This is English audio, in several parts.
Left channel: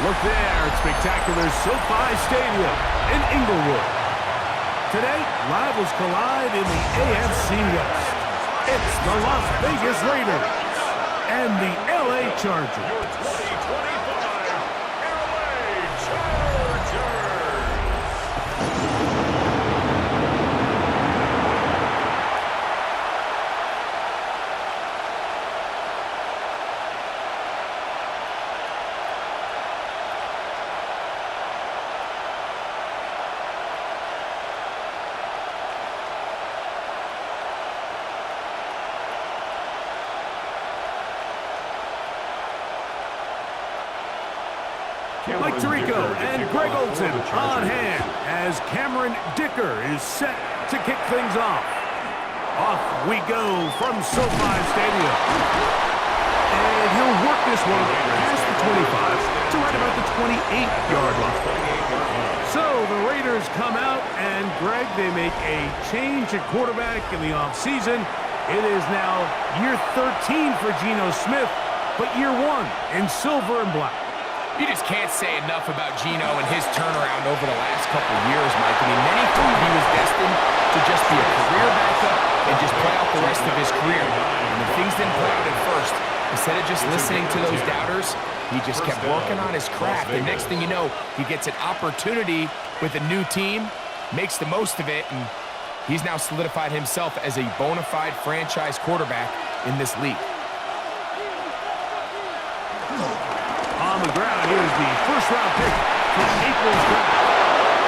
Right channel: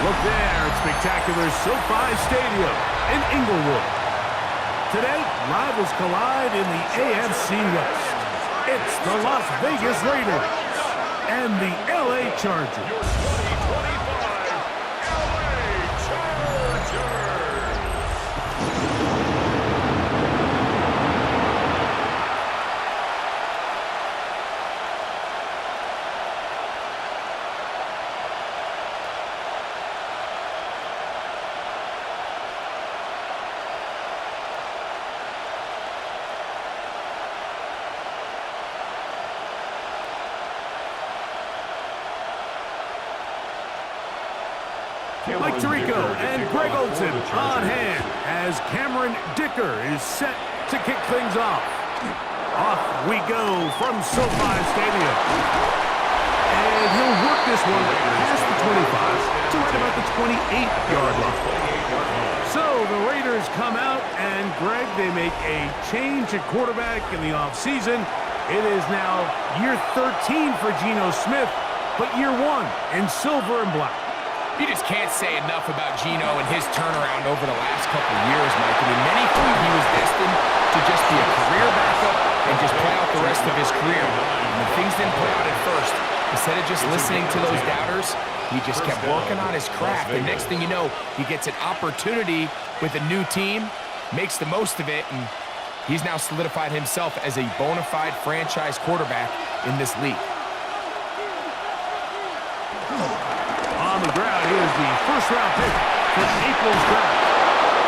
Look there at spectacular SoFi Stadium in Inglewood. Today, rivals collide in the AFC West. It's the Las Vegas Raiders and the LA Chargers. Your 2025 LA Chargers. Mike Tirico and Greg Olson on hand as Cameron Dicker is set to kick things off. Off we go from SoFi Stadium. And he'll work this one past the 25 to right about the 28-yard line. So the Raiders come out, and Greg, they make a change at quarterback in the offseason. It is now year 13 for Geno Smith, but year 1 in silver and black. You just can't say enough about Geno and his turnaround over the last couple of years, Mike. I mean, many thought he was destined to just be a career backup and just play out the rest of his career. And when things didn't play out at first, instead of just listening to those doubters, he just kept working on his craft. And next thing you know, he gets an opportunity with a new team, makes the most of it, and he's now solidified himself as a bona fide franchise quarterback in this league. On the ground, here's the first-round pick from April's draft.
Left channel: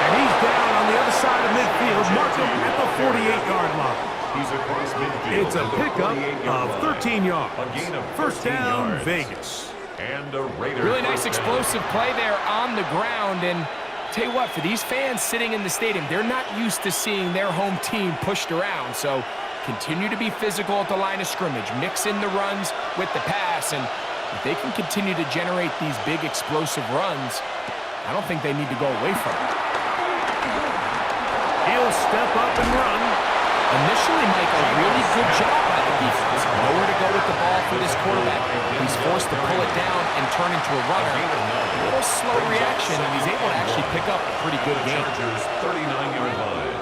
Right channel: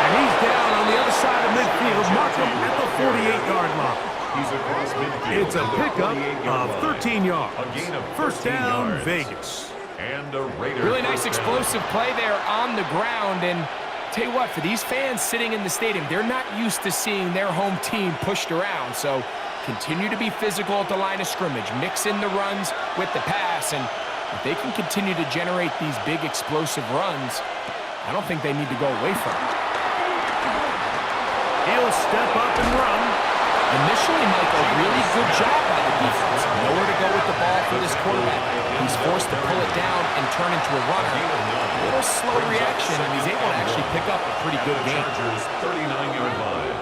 And he's down on the other side of midfield. Mark him at the 48-yard line. He's across midfield. It's a pickup of 13 yards. First down, Vegas. And a Raider. Really nice explosive play there on the ground. And tell you what, for these fans sitting in the stadium, they're not used to seeing their home team pushed around. So continue to be physical at the line of scrimmage. Mix in the runs with the pass. And if they can continue to generate these big explosive runs, I don't think they need to go away from it. He'll step up and run. Initially, Mike, a really good job by the defense. Nowhere to go with the ball for this quarterback. He's forced to pull it down and turn into a runner. A little slow reaction, and he's able to actually pick up a pretty good game. 39-yard line.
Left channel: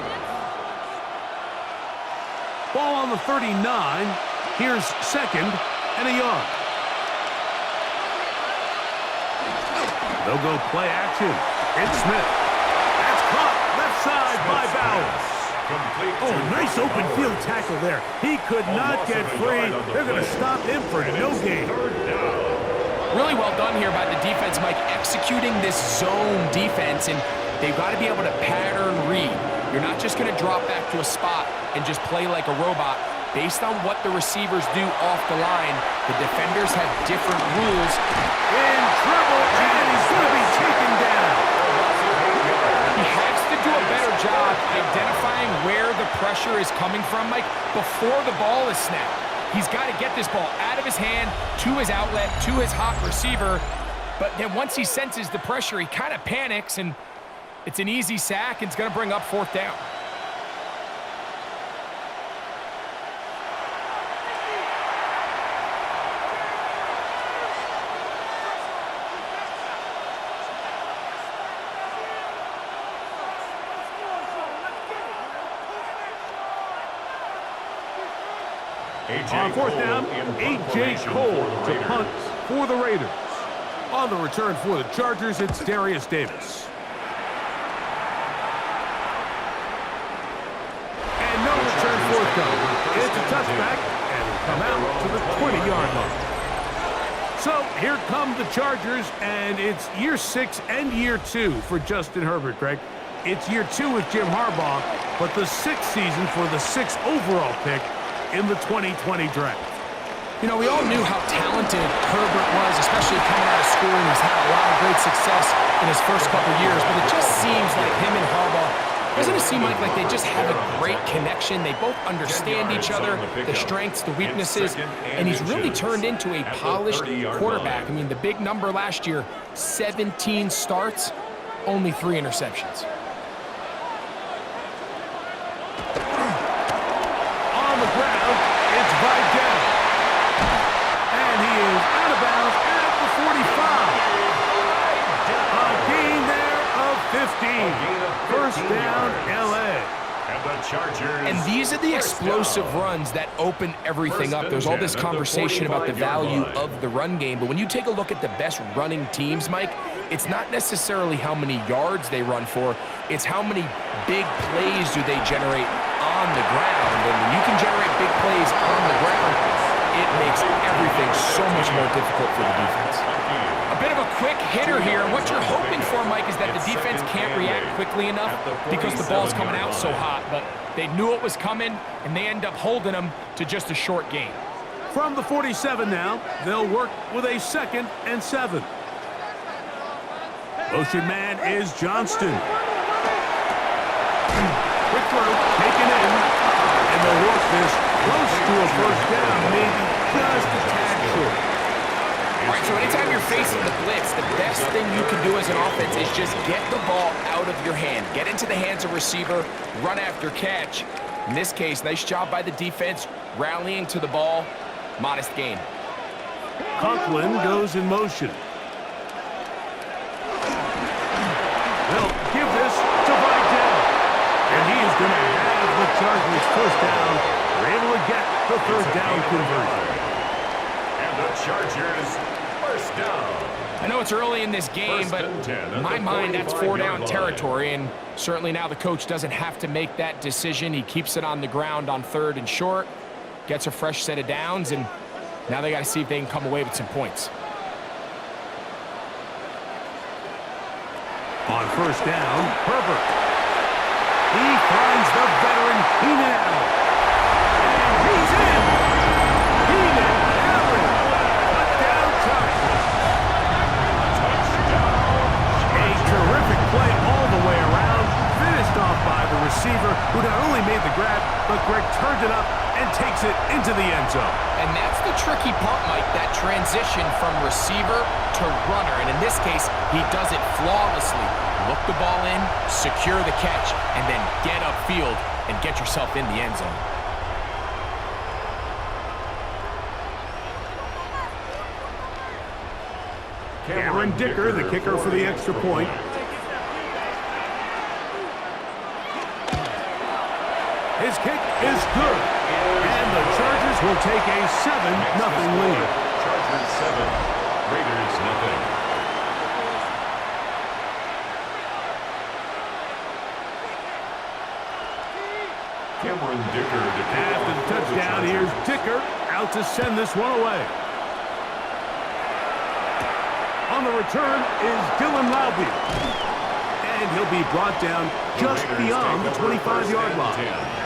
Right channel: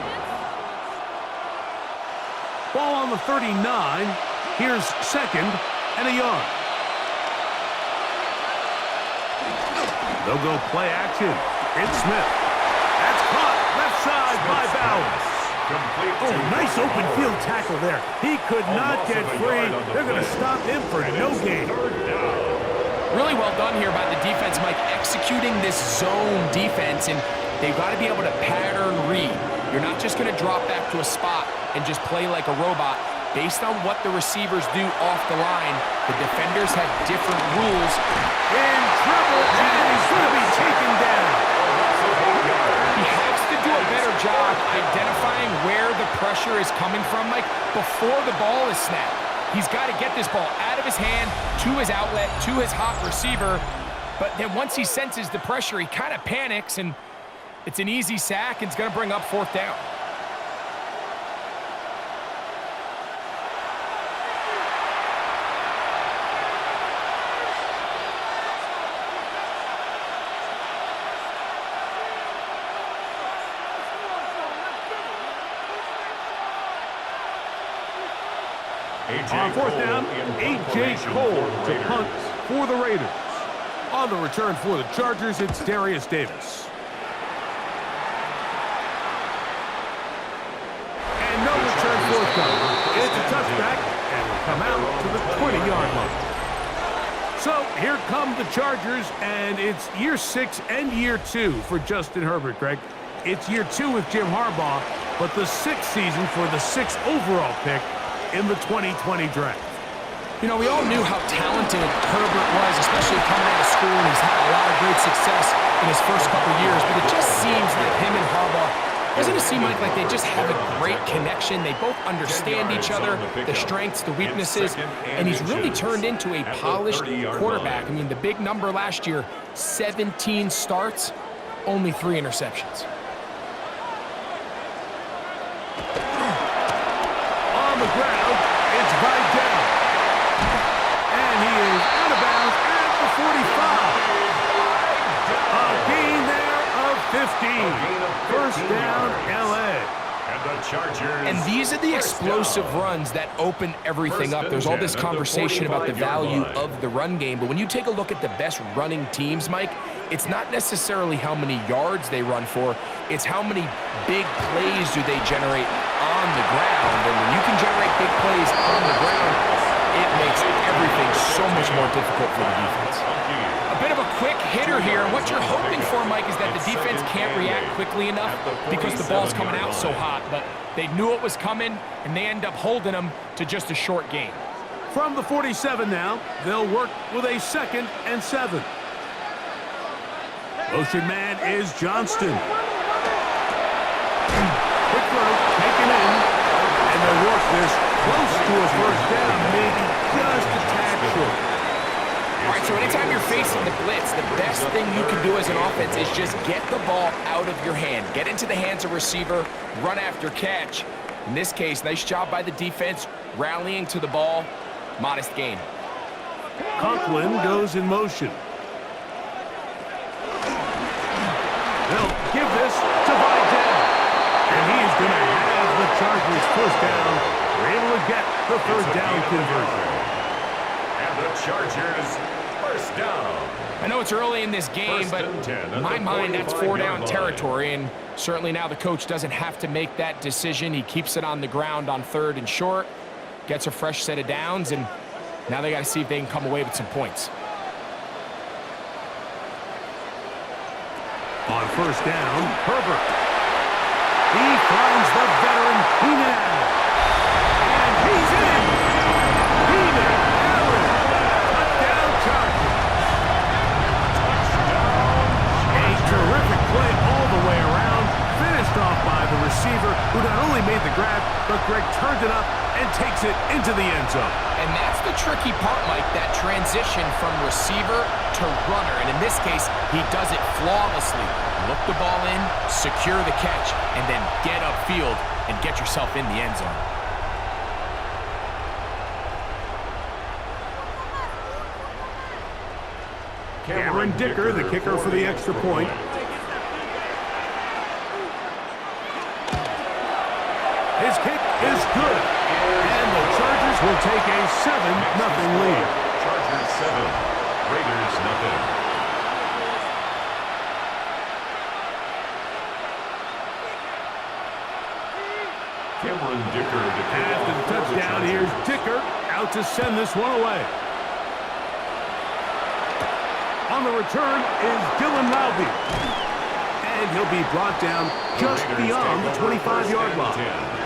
Ball on the 39. Here's second and a yard. They'll go play action. It's Smith. That's caught left side by Bowers. Oh, nice open field tackle there. He could not get free. They're going to stop him for no gain. Really well done here by the defense, Mike, executing this zone defense, and they've got to be able to pattern read. You're not just going to drop back to a spot and just play like a robot. Based on what the receivers do off the line, the defenders have different rules. In trouble, and he's going to be taken down. He has to do a better job identifying where the pressure is coming from, Mike, before the ball is snapped. He's got to get this ball out of his hand, to his outlet, to his hot receiver. But then once he senses the pressure, he kind of panics, and it's an easy sack, and it's going to bring up fourth down. On fourth down, A.J. Cole to punt for the Raiders. On the return for the Chargers, it's Darius Davis. And no return forthcoming. It's a touchback, and will come out to the 20-yard line. So here come the Chargers, and it's year 6 and year 2 for Justin Herbert, Greg. It's year 2 with Jim Harbaugh, but the 6th season for the 6th overall pick in the 2020 draft. You know, we all knew how talented Herbert was, especially coming out of school, and he's had a lot of great success in his first couple years, but it just seems like him and Harbaugh, doesn't it seem like they just have a great connection? They both understand each other, the strengths, the weaknesses, and he's really turned into a polished quarterback. I mean, the big number last year, 17 starts, only 3 interceptions. On the ground, it's Vidal. And he is out of bounds at the 45. And the Chargers. And these are the explosive runs that open everything up. There's all this conversation about the value of the run game, but when you take a look at the best running teams, Mike, it's not necessarily how many yards they run for, it's how many big plays do they generate on the ground. And when you can generate big plays on the ground, it makes everything so much more difficult for the defense. A bit of a quick hitter here, and what you're hoping for, Mike, is that the defense can't react quickly enough because the ball's coming out so hot, but they knew it was coming, and they end up holding them to just a short gain. From the 47 now, they'll work with a 2nd and 7. Motion man is Johnston. Quick throw, taken in, and they'll work this close to a first down, maybe just a tad short. All right, so anytime you're facing the blitz, the best thing you can do as an offense is just get the ball out of your hand. Get into the hands of receiver, run after catch. In this case, nice job by the defense, rallying to the ball. Modest gain. Conklin goes in motion. They'll give this to Vidal. And he is going to have the Chargers first down. They're able to get the third down conversion. And the Chargers first down. I know it's early in this game, but in my mind, that's 4-down territory, and certainly now the coach doesn't have to make that decision. He keeps it on the ground on 3rd and short, gets a fresh set of downs, and now they got to see if they can come away with some points. On first down, Herbert. He finds the veteran Keenan Allen. And he's in. Keenan Allen. Touchdown Chargers. Touchdown. A terrific play all the way around. Finished off by the receiver, who not only made the grab, but Greg turned it up and takes it into the end zone. And that's the tricky part, Mike, that transition from receiver to runner. And in this case, he does it flawlessly. Look the ball in, secure the catch, and then get upfield and get yourself in the end zone. Cameron Dicker, the kicker for the extra point. His kick is good. And the Chargers will take a 7-0 lead. Chargers 7, Raiders 0. Cameron Dicker to kick After the touchdown, here's Dicker out to send this one away. On the return is Dylan Laube. And he'll be brought down just beyond the 25-yard line.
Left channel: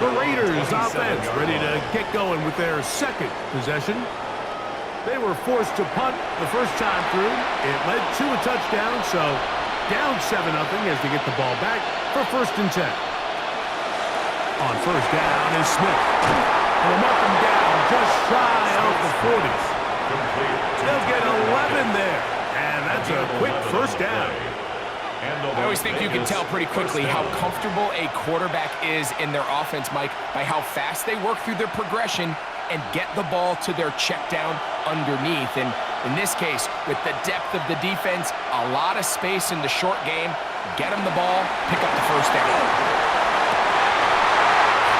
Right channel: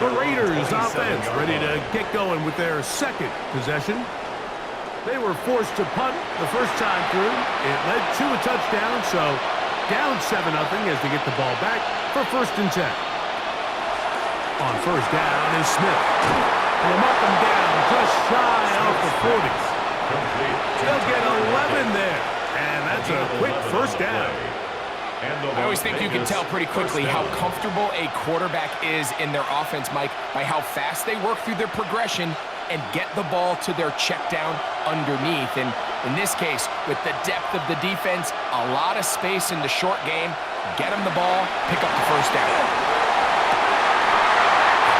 The Raiders offense ready to get going with their second possession. They were forced to punt the first time through. It led to a touchdown, so down 7-0 as they get the ball back for 1st and 10. On first down is Smith. And they'll mark him down just shy of the 40. They'll get 11 there. And that's a quick first down. I always think you can tell pretty quickly how comfortable a quarterback is in their offense, Mike, by how fast they work through their progression and get the ball to their check down underneath. And in this case, with the depth of the defense, a lot of space in the short game, get them the ball, pick up the first down.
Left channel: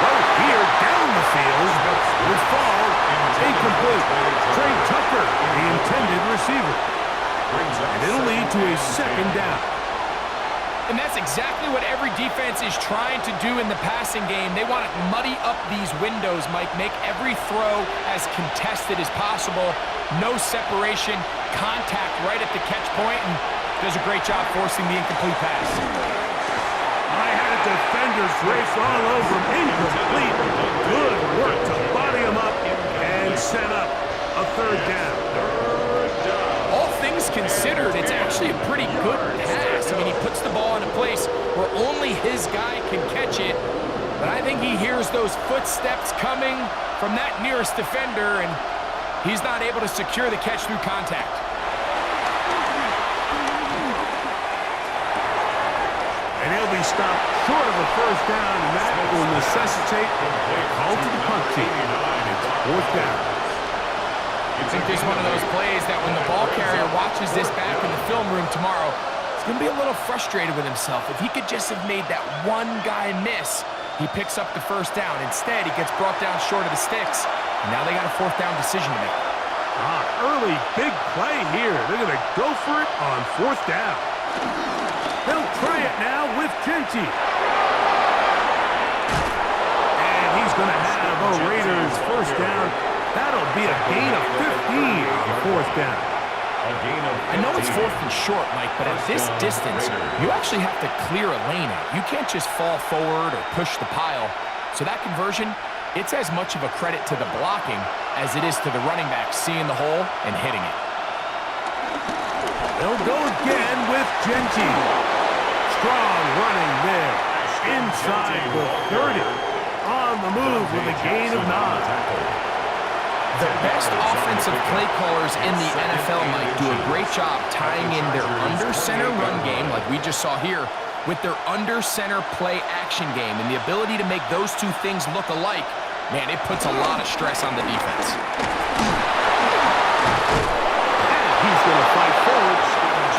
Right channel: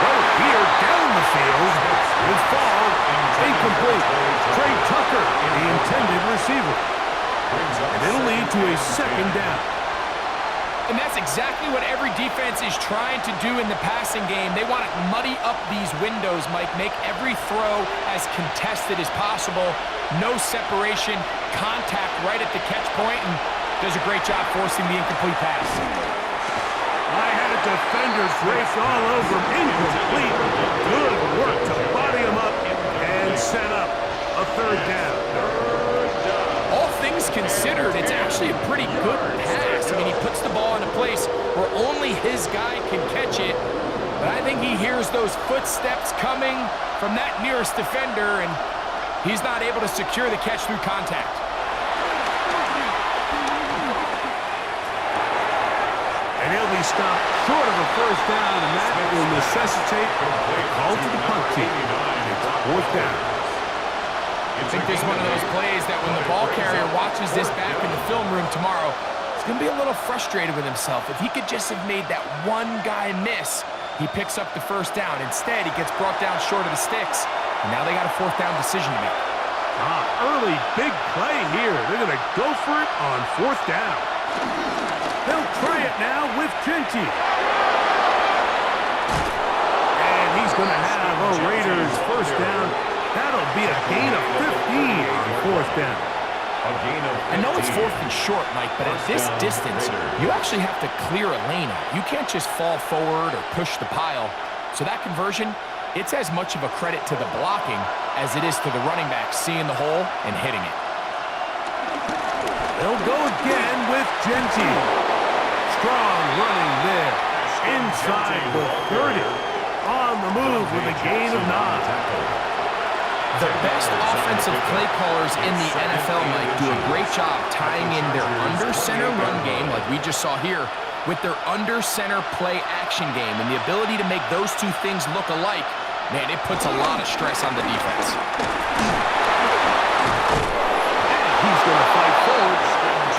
Well, here down the field will fall incomplete. Trey Tucker, the intended receiver. And it'll lead to a 2nd down. And that's exactly what every defense is trying to do in the passing game. They want to muddy up these windows, Mike, make every throw as contested as possible. No separation, contact right at the catch point, and does a great job forcing the incomplete pass. I had a defender's race all over him. Incomplete. Good work to body him up and set up a 3rd down. All things considered, it's actually a pretty good pass. I mean, he puts the ball in a place where only his guy can catch it. But I think he hears those footsteps coming from that nearest defender, and he's not able to secure the catch through contact. And he'll be stopped short of a first down, and that will necessitate a call to the punt team. It's 4th down. I think there's one of those plays that when the ball carrier watches this back in the film room tomorrow, he's going to be a little frustrated with himself. If he could just have made that one guy miss, He picks up the first down. Instead, he gets brought down short of the sticks. And now they got a fourth down decision to make. Early big play here. They're going to go for it on fourth down. They'll try it now with Genty. And he's going to have a Raiders first down. That'll be a gain of 15 on fourth down. I know it's fourth and short, Mike, but at this distance, you actually have to clear a lane out. You can't just fall forward or push the pile. So that conversion, it's as much of a credit to the blocking as it is to the running back seeing the hole and hitting it. They'll go again with Genty. Strong running there. Inside the 30. On the move with a gain of 9. The best offensive play callers in the NFL, Mike, do a great job tying in their under-center run game, like we just saw here, with their under-center play action game. And the ability to make those two things look alike, man, it puts a lot of stress on the defense. And he's going to fight forward.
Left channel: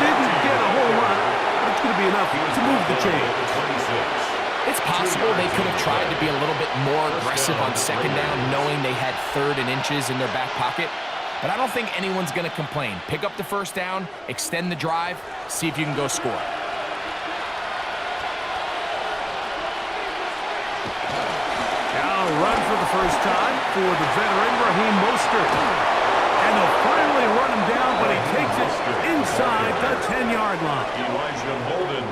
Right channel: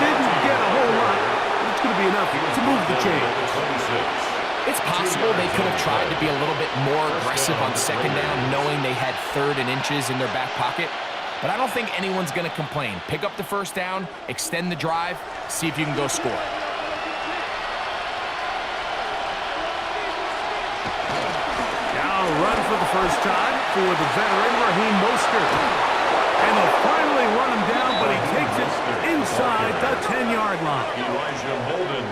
Didn't get a whole lot, but it's going to be enough to move the chains. It's possible they could have tried to be a little bit more aggressive on second down, knowing they had 3rd and inches in their back pocket. But I don't think anyone's going to complain. Pick up the first down, extend the drive, see if you can go score. Now run for the first time for the veteran Raheem Mostert. And they'll finally run him down, but he takes it inside the 10-yard line.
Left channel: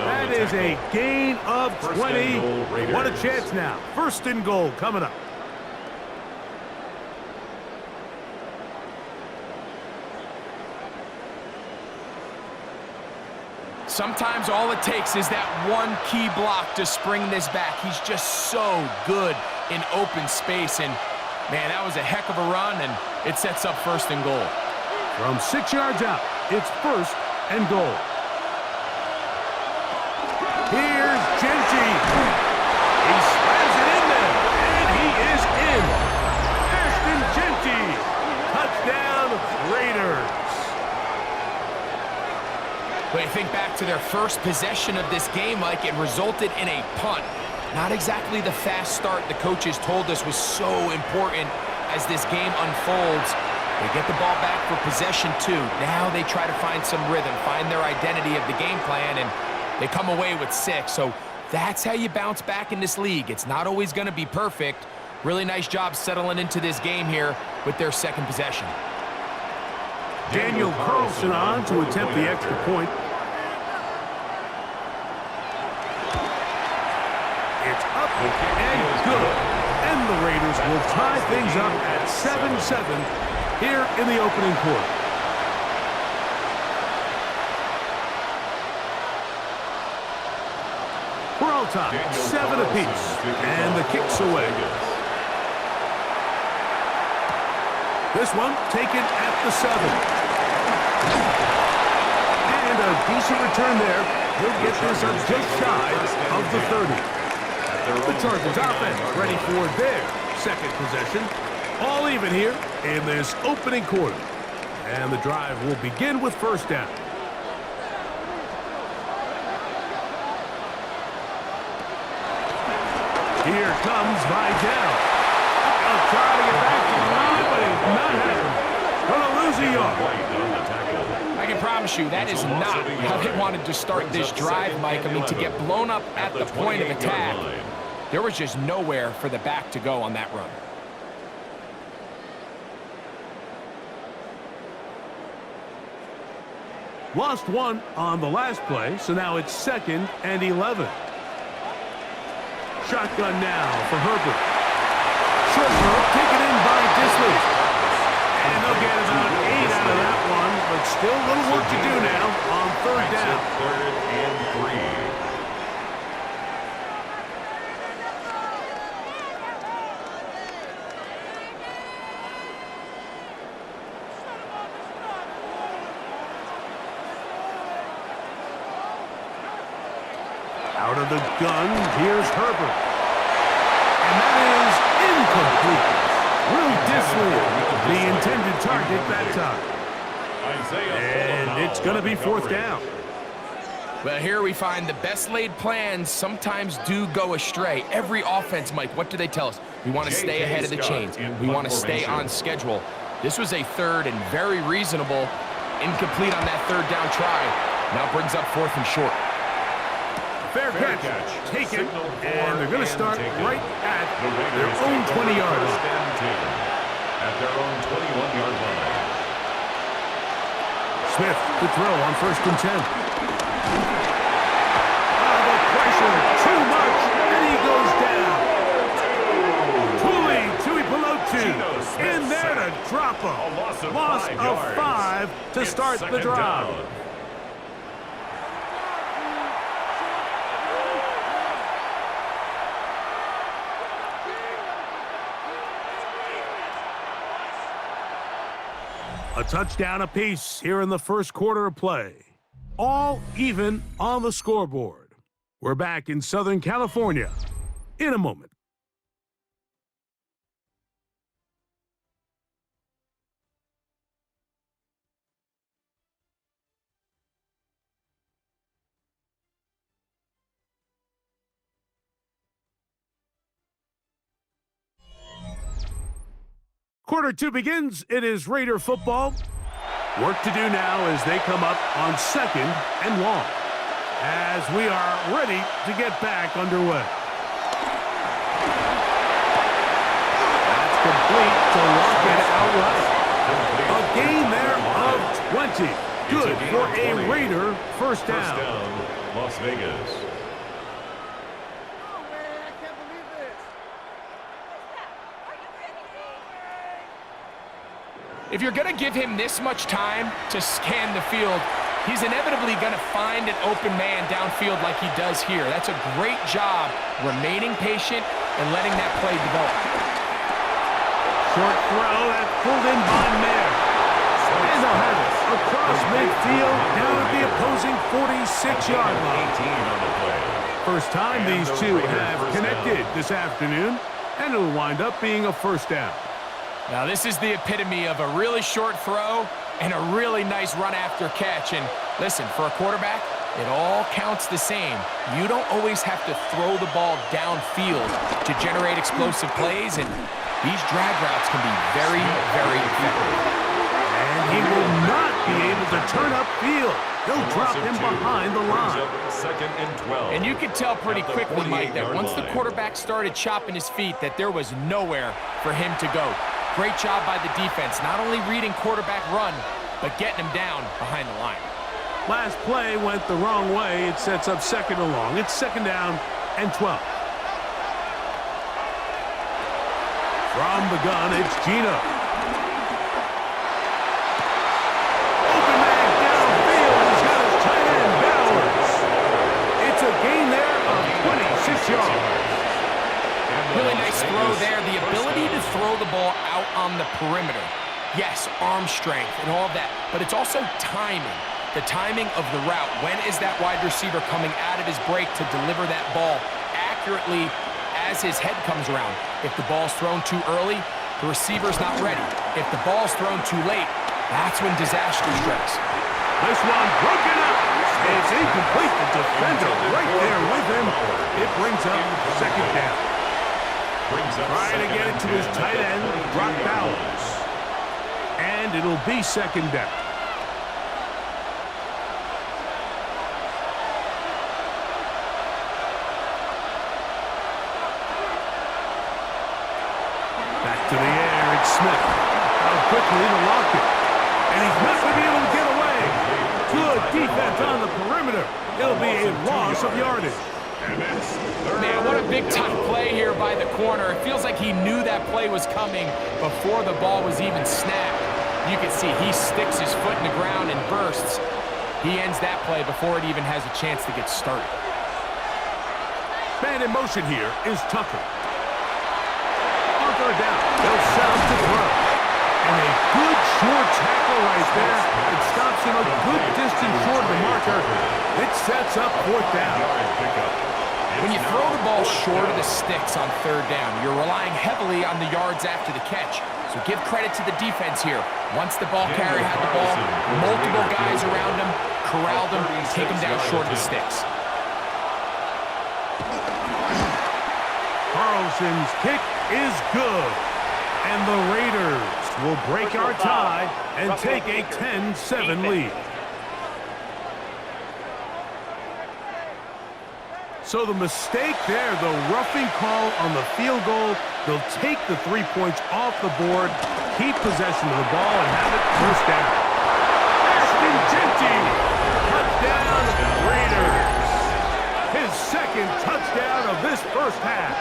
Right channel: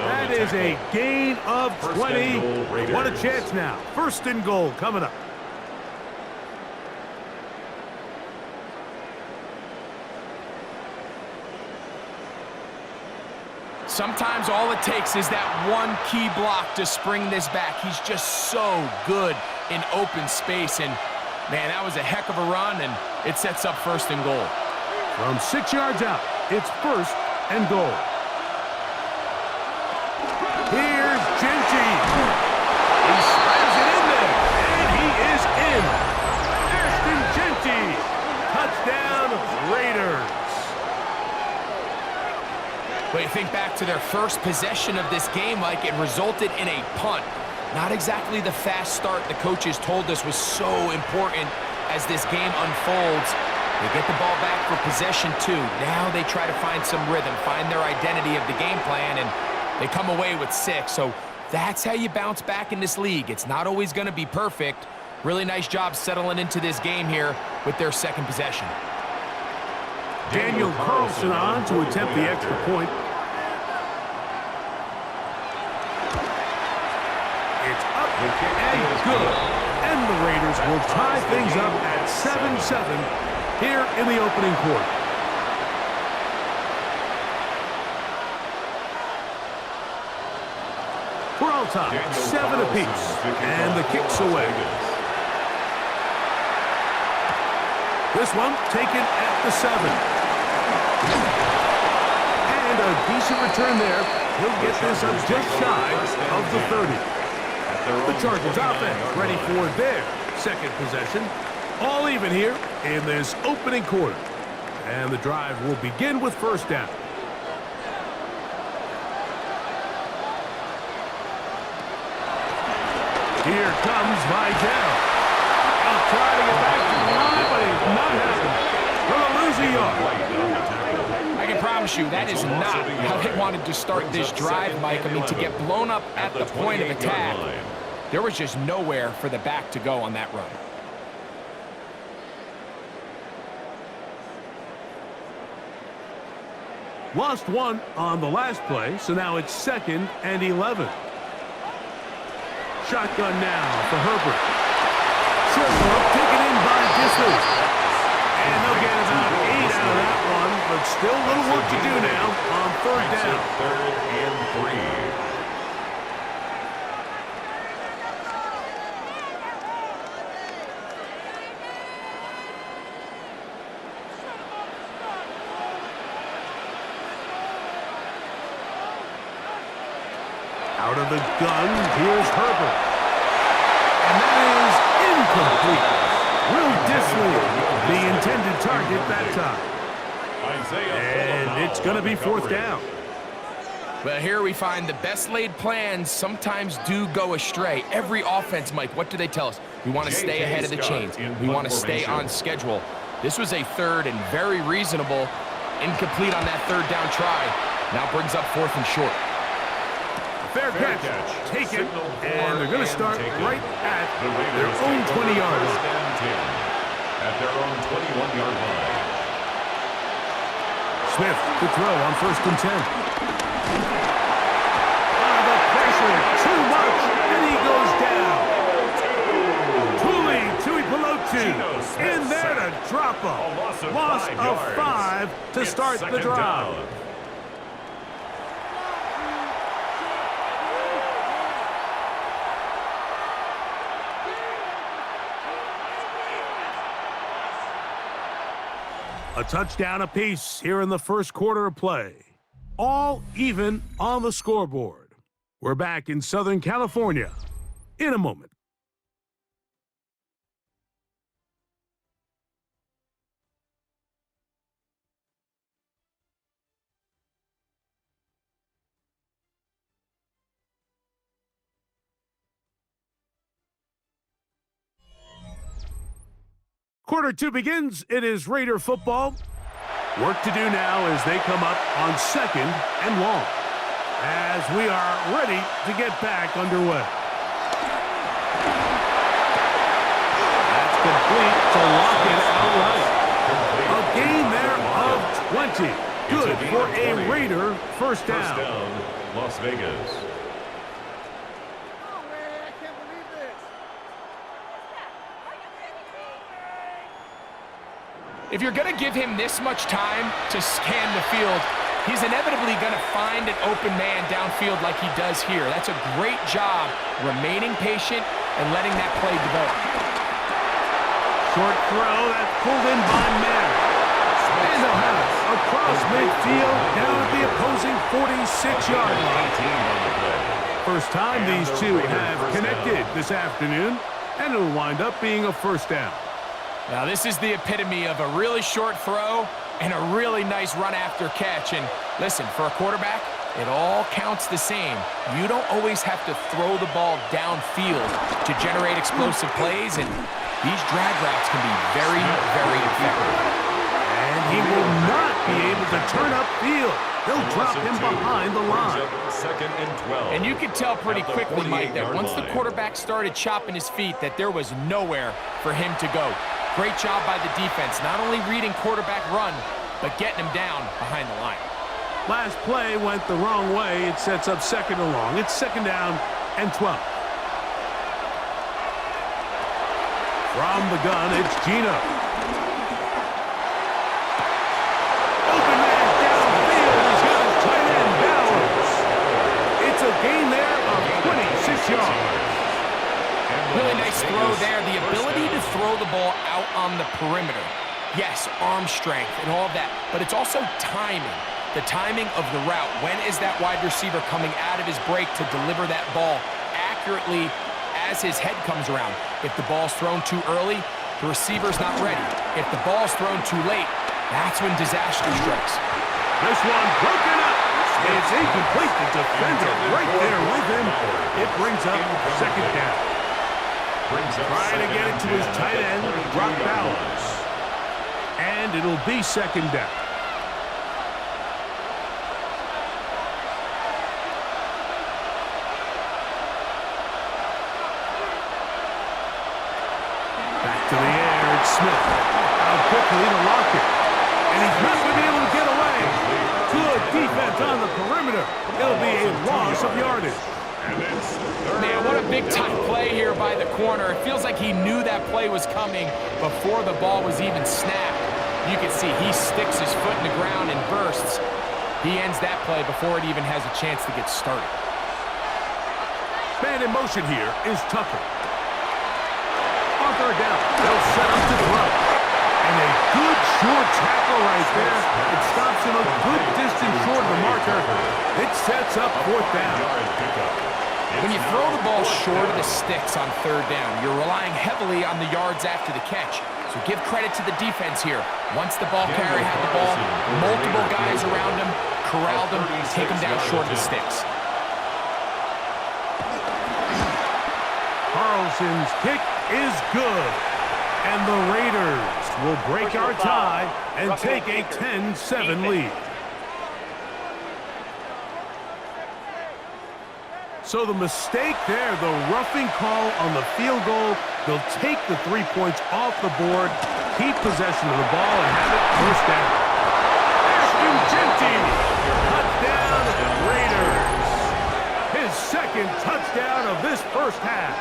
That is a gain of 20. What a chance now. First and goal coming up. Sometimes all it takes is that one key block to spring this back. He's just so good in open space. And, man, that was a heck of a run, and it sets up first and goal. From 6 yards out, it's first and goal. Here's Genty. He slams it in there, and he is in. Ashton Genty. Touchdown, Raiders. But you think back to their first possession of this game, Mike, it resulted in a punt. Not exactly the fast start the coaches told us was so important as this game unfolds. They get the ball back for possession 2. Now they try to find some rhythm, find their identity of the game plan, and they come away with 6. So that's how you bounce back in this league. It's not always going to be perfect. Really nice job settling into this game here with their second possession. Daniel Carlson on to attempt the extra point. It's up and good. And the Raiders will tie things up at 7-7 here in the opening quarter. We're all tied, 7 apiece, and the kick's away. This one taken at the 7. And a decent return there. He'll get this up just shy of the 30. The Chargers offense ready for their second possession. All even here in this opening quarter. And the drive will begin with first down. Here comes Vidal. He'll try to get back to the line, but he's not happening. Gonna lose a yard. I can promise you that is not how they wanted to start this drive, Mike. I mean, to get blown up at the point of attack, there was just nowhere for the back to go on that run. Lost one on the last play, so now it's 2nd and 11. Shotgun now for Herbert. Short throw taken in by Disley. And they'll get about 8 out of that one, but still a little work to do now on 3rd down. 3rd and 3. Out of the gun, here's Herbert. And that is incomplete. Will Disley, the intended target that time. And it's going to be 4th down. Well, here we find the best laid plans sometimes do go astray. Every offense, Mike, what do they tell us? We want to stay ahead of the chains. We want to stay on schedule. This was a third and very reasonable, incomplete on that third down try. Now brings up 4th and short. Fair catch. Take it, and they're going to start right at their own 20-yard line. At their own 21-yard line. Smith to throw on 1st and 10. The pressure, too much, and he goes down. Tui Pelotu in there to drop him. Loss of 5 to start the drive. A touchdown apiece here in the first quarter of play. All even on the scoreboard. We're back in Southern California in a moment. Quarter 2 begins. It is Raider football. Work to do now as they come up on 2nd and long. As we are ready to get back underway. That's complete to lock it outright. A gain there of 20. Good for a Raider first down. First down, Las Vegas. If you're going to give him this much time to scan the field, he's inevitably going to find an open man downfield like he does here. That's a great job remaining patient and letting that play develop. Short throw, that's pulled in by Mayer. And they'll have it across midfield down at the opposing 46-yard line. First time these two have connected this afternoon, and it'll wind up being a first down. Now, this is the epitome of a really short throw and a really nice run after catch. And listen, for a quarterback, it all counts the same. You don't always have to throw the ball downfield to generate explosive plays, and these drag routes can be very, very effective. And he will not be able to turn upfield. They'll drop him behind the line. 2nd and 12. And you could tell pretty quickly, Mike, that once the quarterback started chopping his feet, that there was nowhere for him to go. Great job by the defense, not only reading quarterback run, but getting him down behind the line. Last play went the wrong way. It sets up 2nd and long. It's 2nd down and 12. From the gun, it's Gino. Open man downfield. He's got his tight end, Bowers. It's a gain there of 26 yards. Really nice throw there. The ability to throw the ball out on the perimeter. Yes, arm strength and all of that, but it's also timing. The timing of the route. When is that wide receiver coming out of his break to deliver that ball accurately as his head comes around? If the ball's thrown too early, the receiver's not ready. If the ball's thrown too late, that's when disaster strikes. This one broken up. It's incomplete. The defender right there with him. It brings up 2nd down. Trying to get it to his tight end, Brock Bowers. And it'll be 2nd down. Back to the air, it's Smith. Out quickly to Lockett. And he's not going to be able to get away. Good defense on the perimeter. It'll be a loss of yardage. Man, what a big-time play here by the corner. It feels like he knew that play was coming before the ball was even snapped. You can see he sticks his foot in the ground and bursts. He ends that play before it even has a chance to get started. Man in motion here is Tucker. On 3rd down, they'll set up to throw. And a good short tackle right there. It stops him a good distance short of the marker. It sets up 4th down. When you throw the ball short of the sticks on 3rd down, you're relying heavily on the yards after the catch. So give credit to the defense here. Once the ball carrier had the ball, multiple guys around him, corralled him, take him down short of the sticks. Carlson's kick is good. And the Raiders will break our tie and take a 10-7 lead. So the mistake there, the roughing call on the field goal, they'll take the 3 points off the board, keep possession of the ball, and have it first down. Touchdown, Raiders. His second touchdown of this first half.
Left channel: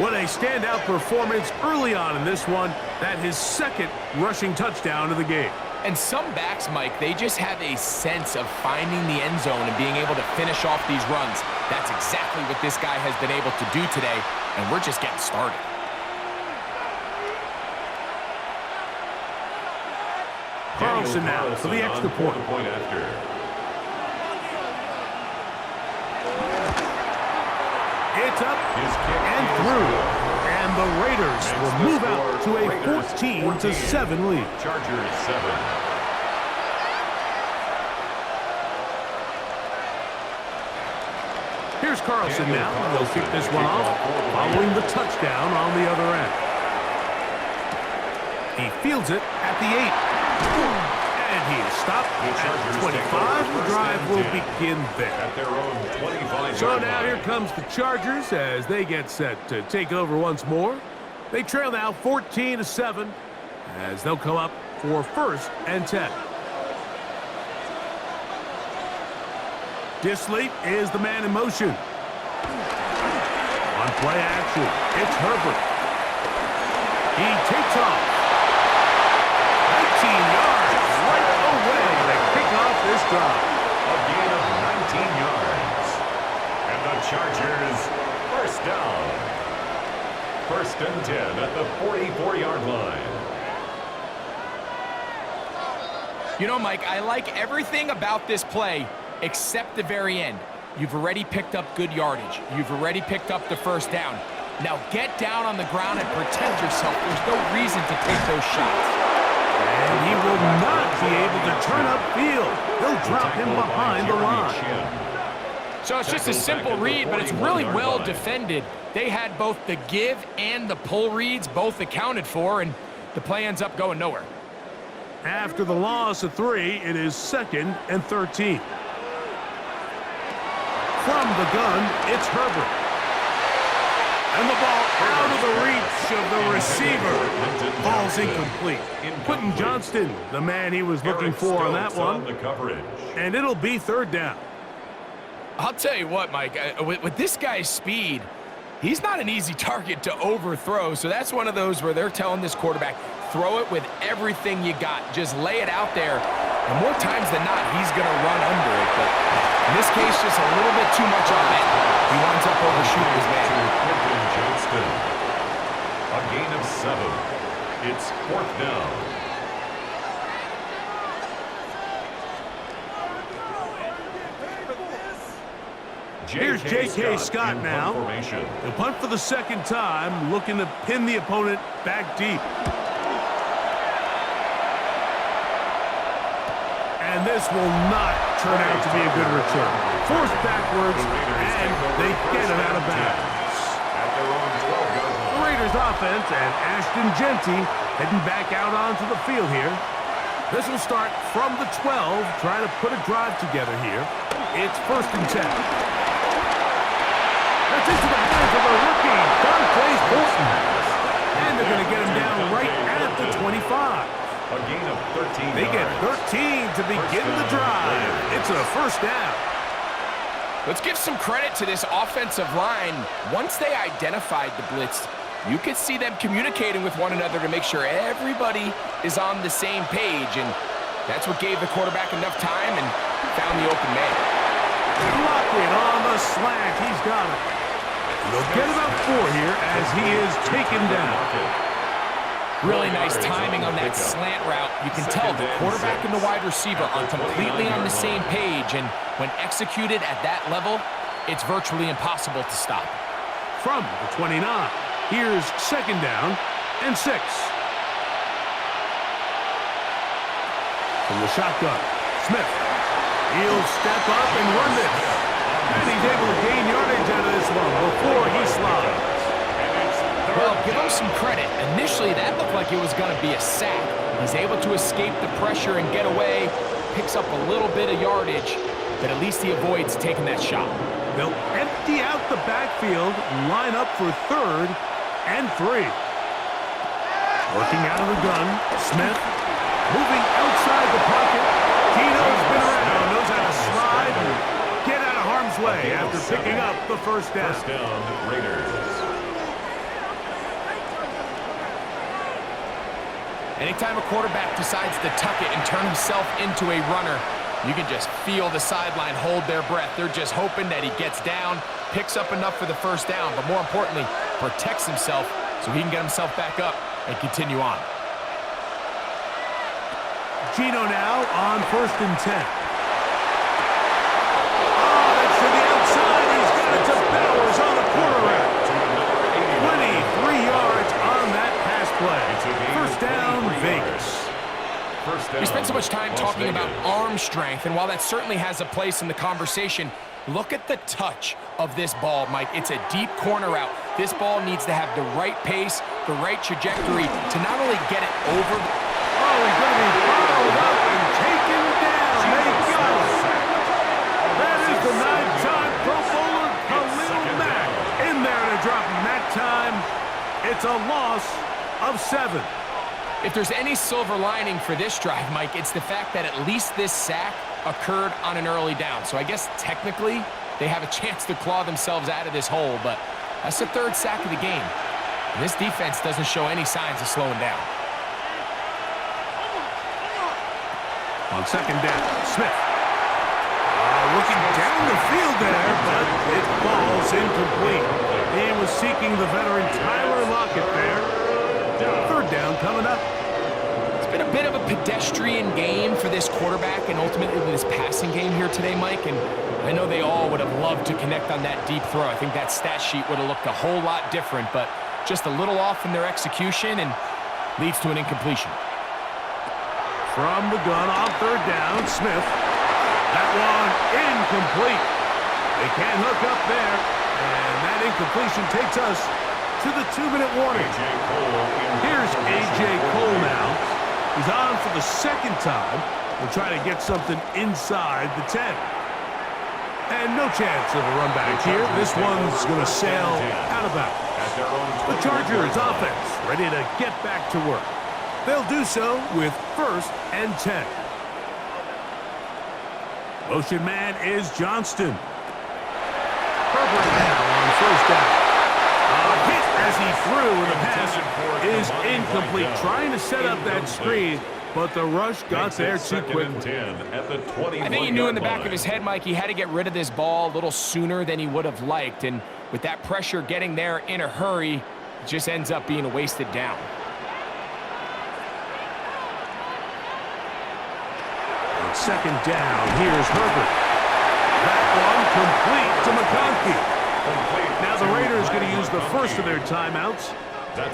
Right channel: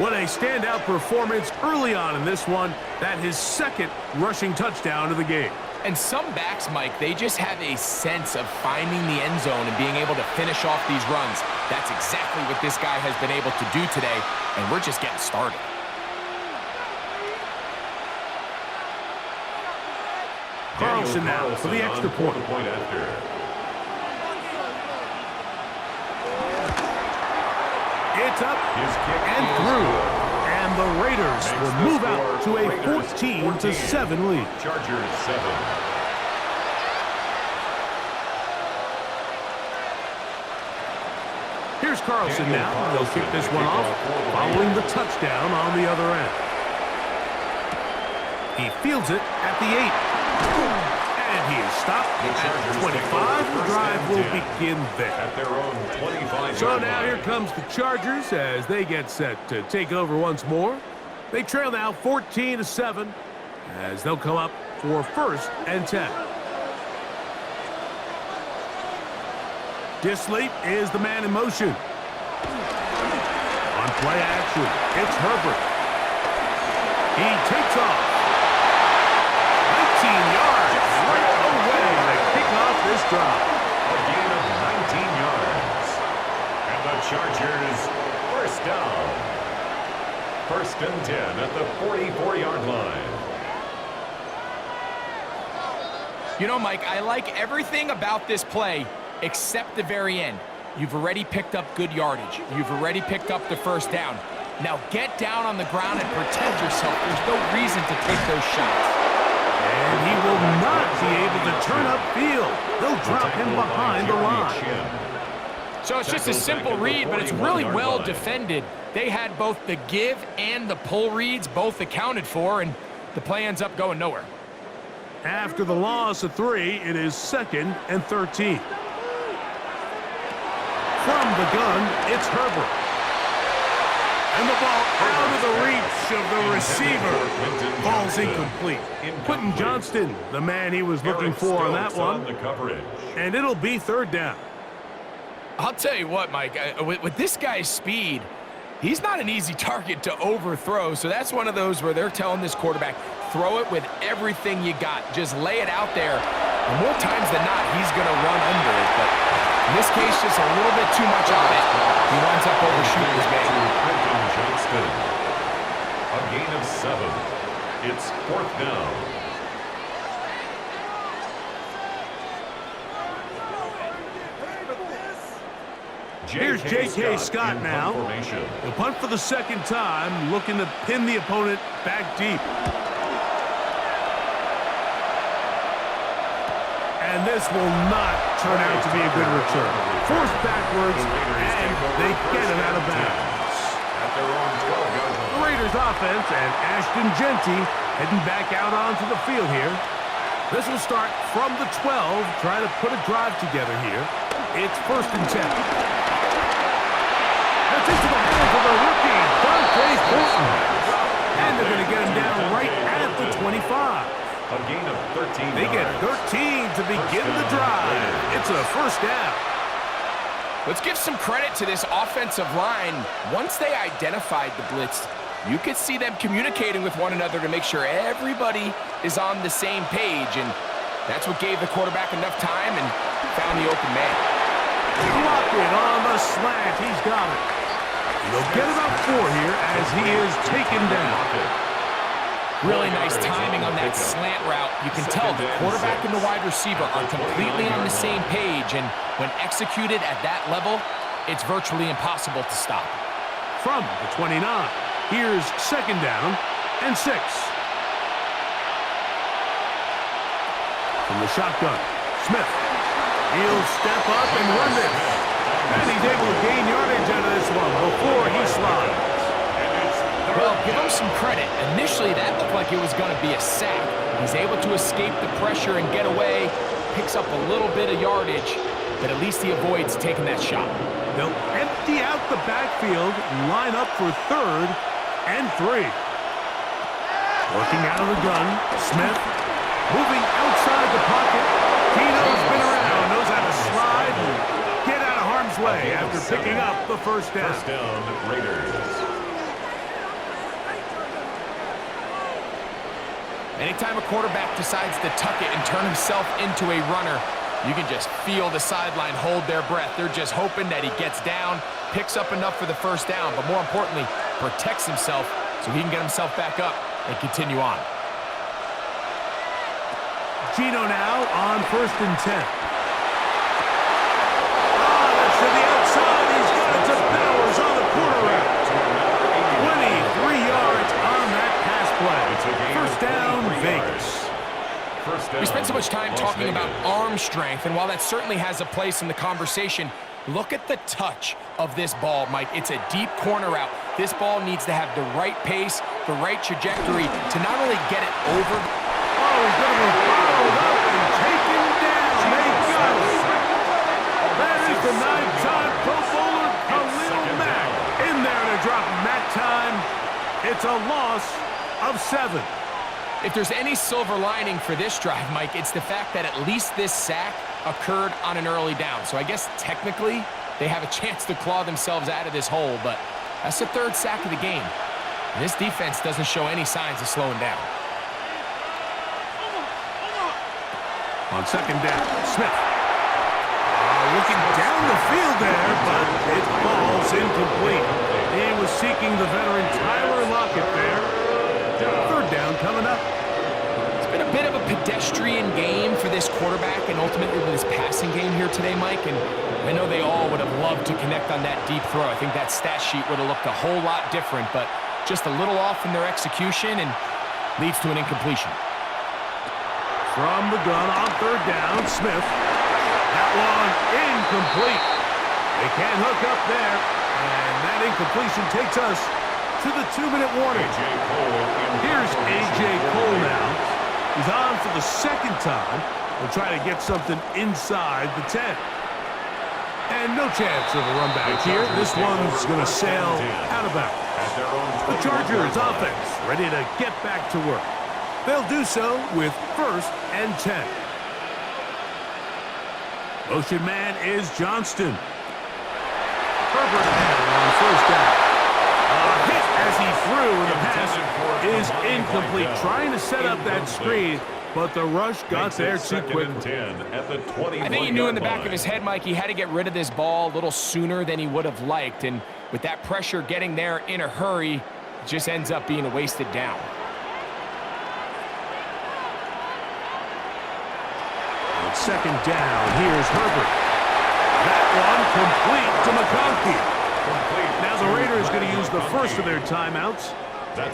What a standout performance early on in this one. That his second rushing touchdown of the game. And some backs, Mike, they just have a sense of finding the end zone and being able to finish off these runs. That's exactly what this guy has been able to do today, and we're just getting started. Carlson now for the extra point. It's up and through. And the Raiders will move out to a 14-7 lead. Chargers 7. Here's Carlson now. They'll kick this one off following the touchdown on the other end. He fields it at the 8. And he is stopped at 25. The drive will begin there. At their own 25. So now here comes the Chargers as they get set to take over once more. They trail now 14-7 as they'll come up for 1st and 10. Disley is the man in motion. On play action, it's Herbert. He takes off. 19 yards right away to kick off this drive. A gain of 19 yards. And the Chargers, first down. 1st and 10 at the 44-yard line. You know, Mike, I like everything about this play except the very end. You've already picked up good yardage. You've already picked up the first down. Now get down on the ground and protect yourself. There's no reason to take those shots. And he will not be able to turn upfield. They'll drop him behind the line. So it's just a simple read, but it's really well defended. They had both the give and the pull reads both accounted for, and the play ends up going nowhere. After the loss of 3, it is 2nd and 13. From the gun, it's Herbert. And the ball out of the reach of the receiver. Ball's incomplete. Quentin Johnston, the man he was looking for on that one. And it'll be 3rd down. I'll tell you what, Mike, with this guy's speed, he's not an easy target to overthrow. So that's one of those where they're telling this quarterback, throw it with everything you got. Just lay it out there. And more times than not, he's going to run under it. But in this case, just a little bit too much on it. He winds up overshooting his man. Quentin Johnston. A gain of 7. It's 4th down. Here's J.K. Scott now. He'll punt for the 2nd time, looking to pin the opponent back deep. And this will not turn out to be a good return. Forced backwards, and they get it out of bounds. At their own 12-yard line. The Raiders offense and Ashton Genty heading back out onto the field here. This will start from the 12, trying to put a drive together here. It's 1st and 10. That's into the hands of the rookie, Dante Thornton. And they're going to get him down right at the 25. A gain of 13 They get 13 to begin the drive. It's a 1st down. Let's give some credit to this offensive line. Once they identified the blitz, you could see them communicating with one another to make sure everybody is on the same page. And that's what gave the quarterback enough time and found the open man. Block it on the slant. He's got it. They'll get about 4 here as he is taken down. Really nice timing on that slant route. You can tell the quarterback and the wide receiver are completely on the same page, and when executed at that level, it's virtually impossible to stop. From the 29. Here's second down and 6. From the shotgun, Smith. He'll step up and run this. And he's able to gain yardage out of this one before he slides. Well, give him some credit. Initially, that looked like it was going to be a sack. He's able to escape the pressure and get away, picks up a little bit of yardage, but at least he avoids taking that shot. They'll empty out the backfield, line up for 3rd and 3. Working out of the gun, Smith. Moving outside the pocket. Gino's been around, knows how to slide and get out of harm's way after picking up the first down. First down, Raiders. Anytime a quarterback decides to tuck it and turn himself into a runner, you can just feel the sideline hold their breath. They're just hoping that he gets down, picks up enough for the first down, but more importantly, protects himself so he can get himself back up and continue on. Gino now on 1st and 10. Oh, that's to the outside. He's got it to Bowers on the corner route. 23 yards on that pass play. First down, Vegas. We spent so much time talking about arm strength, and while that certainly has a place in the conversation, look at the touch of this ball, Mike. It's a deep corner route. This ball needs to have the right pace, the right trajectory to not only get it over the... Oh, he's going to be followed up and taken down. They got it. That is the 9-time Pro Bowler Khalil Mack in there to drop him that time. It's a loss of 7. If there's any silver lining for this drive, Mike, it's the fact that at least this sack occurred on an early down. So I guess technically they have a chance to claw themselves out of this hole, but that's the 3rd sack of the game. And this defense doesn't show any signs of slowing down. On 2nd down, Smith. Looking down the field there, but it falls incomplete. He was seeking the veteran Tyler Lockett there. 3rd down coming up. It's been a bit of a pedestrian game for this quarterback and ultimately this passing game here today, Mike. And I know they all would have loved to connect on that deep throw. I think that stat sheet would have looked a whole lot different, but just a little off in their execution and leads to an incompletion. From the gun on 3rd down, Smith. That one incomplete. They can't hook up there, and that incompletion takes us to the 2-minute warning. Here's A.J. Cole now. He's on for the 2nd time. He'll try to get something inside the 10. And no chance of a run back here. This one's going to sail out of bounds. The Chargers offense ready to get back to work. They'll do so with 1st and 10. Motion man is Johnston. Herbert now on 1st down. A hit as he threw, and the pass is incomplete. Trying to set up that screen, but the rush got there too quickly. I think he knew in the back of his head, Mike, he had to get rid of this ball a little sooner than he would have liked. And with that pressure getting there in a hurry, it just ends up being a wasted down. On 2nd down, here's Herbert. That one complete to McConkey. Now the Raiders going to use the first of their timeouts.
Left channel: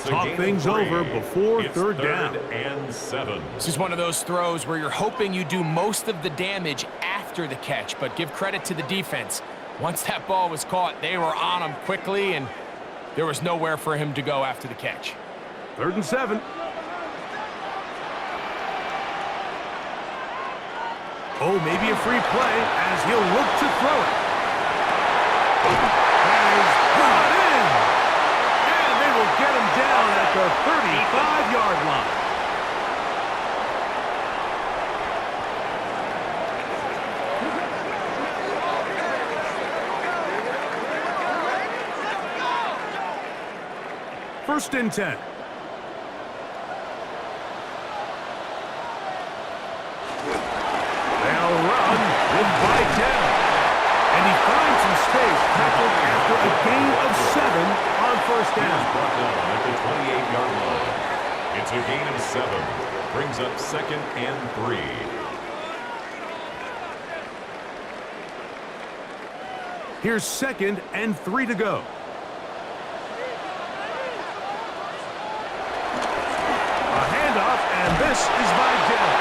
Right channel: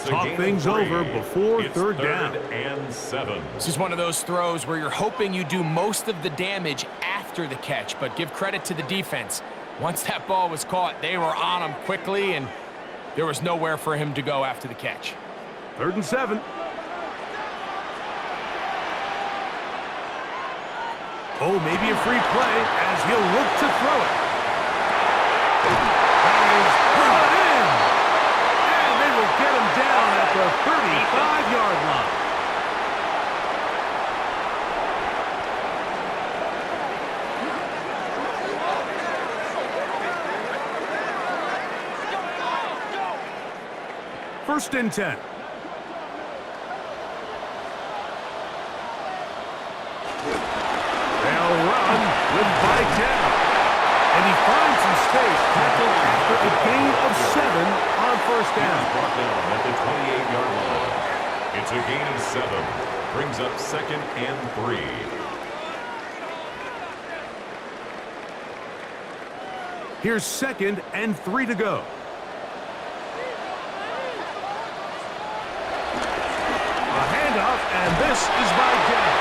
Talk things over before 3rd down. And 7. This is one of those throws where you're hoping you do most of the damage after the catch, but give credit to the defense. Once that ball was caught, they were on him quickly, and there was nowhere for him to go after the catch. 3rd and 7. Oh, maybe a free play as he'll look to throw it. That is brought in. And they will get him down at the 35-yard line. First and 10. They'll run with Vidal. And he finds some space, tackled after a gain of 7 on 1st down. Brought down at the 28-yard line. It's a gain of 7. Brings up 2nd and 3. Here's 2nd and 3 to go. and this is by down.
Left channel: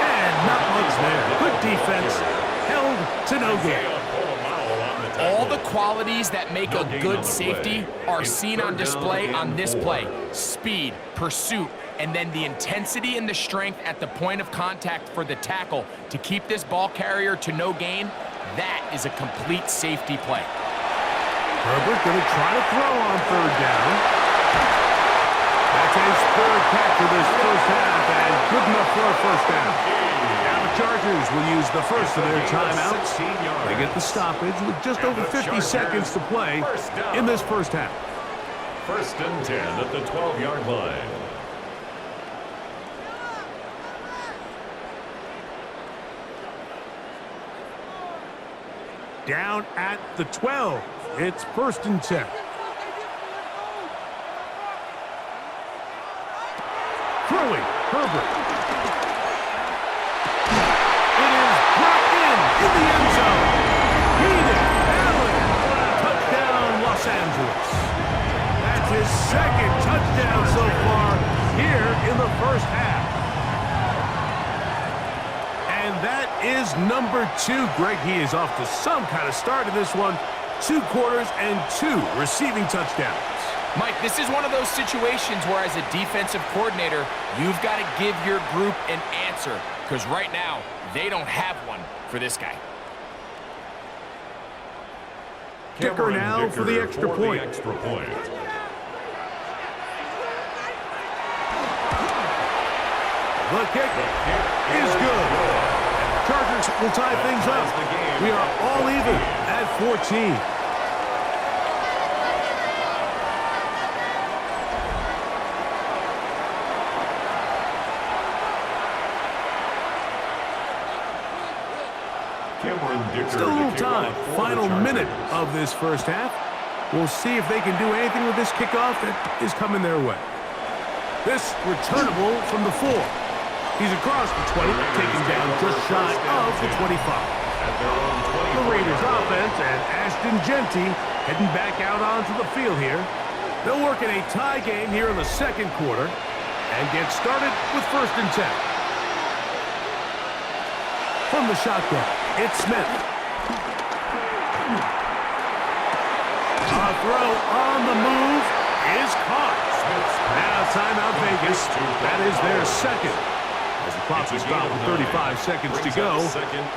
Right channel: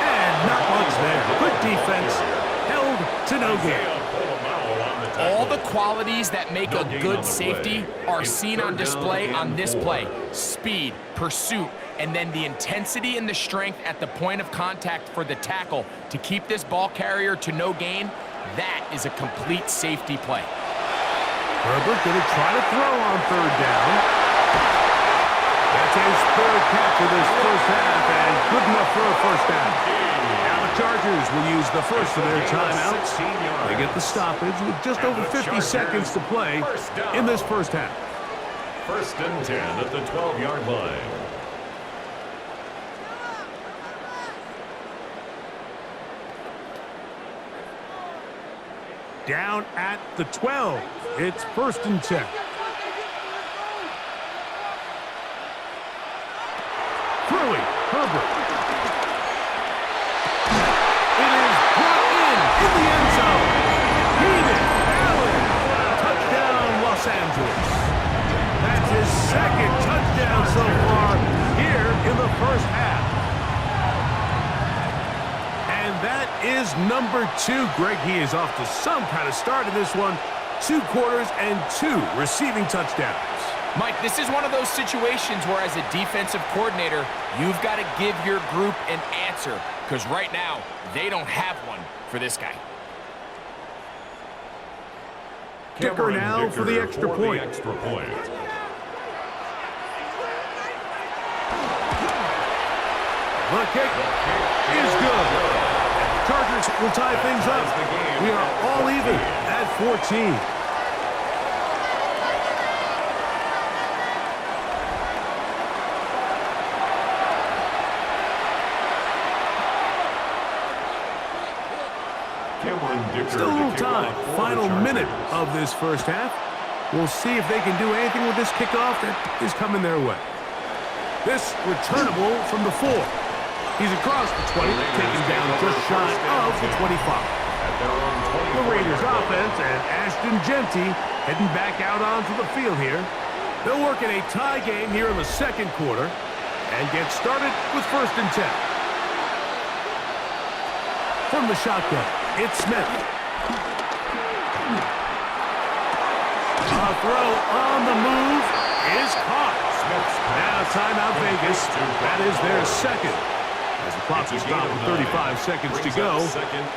And not much there. Good defense, held to no gain. All the qualities that make a good safety are seen on display on this play. Speed, pursuit, and then the intensity and the strength at the point of contact for the tackle to keep this ball carrier to no gain. That is a complete safety play. Herbert going to try to throw on third down. That's his third catch of this first half, and good enough for a first down. Now the Chargers will use the first of their timeouts. They get the stoppage with just over 50 seconds to play in this first half. 1st and 10 at the 12-yard line. Down at the 12. It's 1st and 10. Throwing, Herbert. It is brought in the end zone. Keenan Allen. Touchdown, Los Angeles. That's his second touchdown so far here in the first half. And that is number 2. Greg, he is off to some kind of start in this one. 2 quarters and 2 receiving touchdowns. Mike, this is one of those situations where as a defensive coordinator, you've got to give your group an answer, because right now, they don't have one for this guy. Dicker now for the extra point. The kick is good. And the Chargers will tie things up. We are all even at 14. Still a little time. Final minute of this first half. We'll see if they can do anything with this kickoff that is coming their way. This returnable from the 4. He's across the 20, taken down just shy of the 25. The Raiders offense and Ashton Genty heading back out onto the field here. They'll work in a tie game here in the second quarter and get started with 1st and 10. From the shotgun, it's Smith. A throw on the move is caught. Now timeout Vegas. That is their second. As the clock is stopped with 35 seconds to go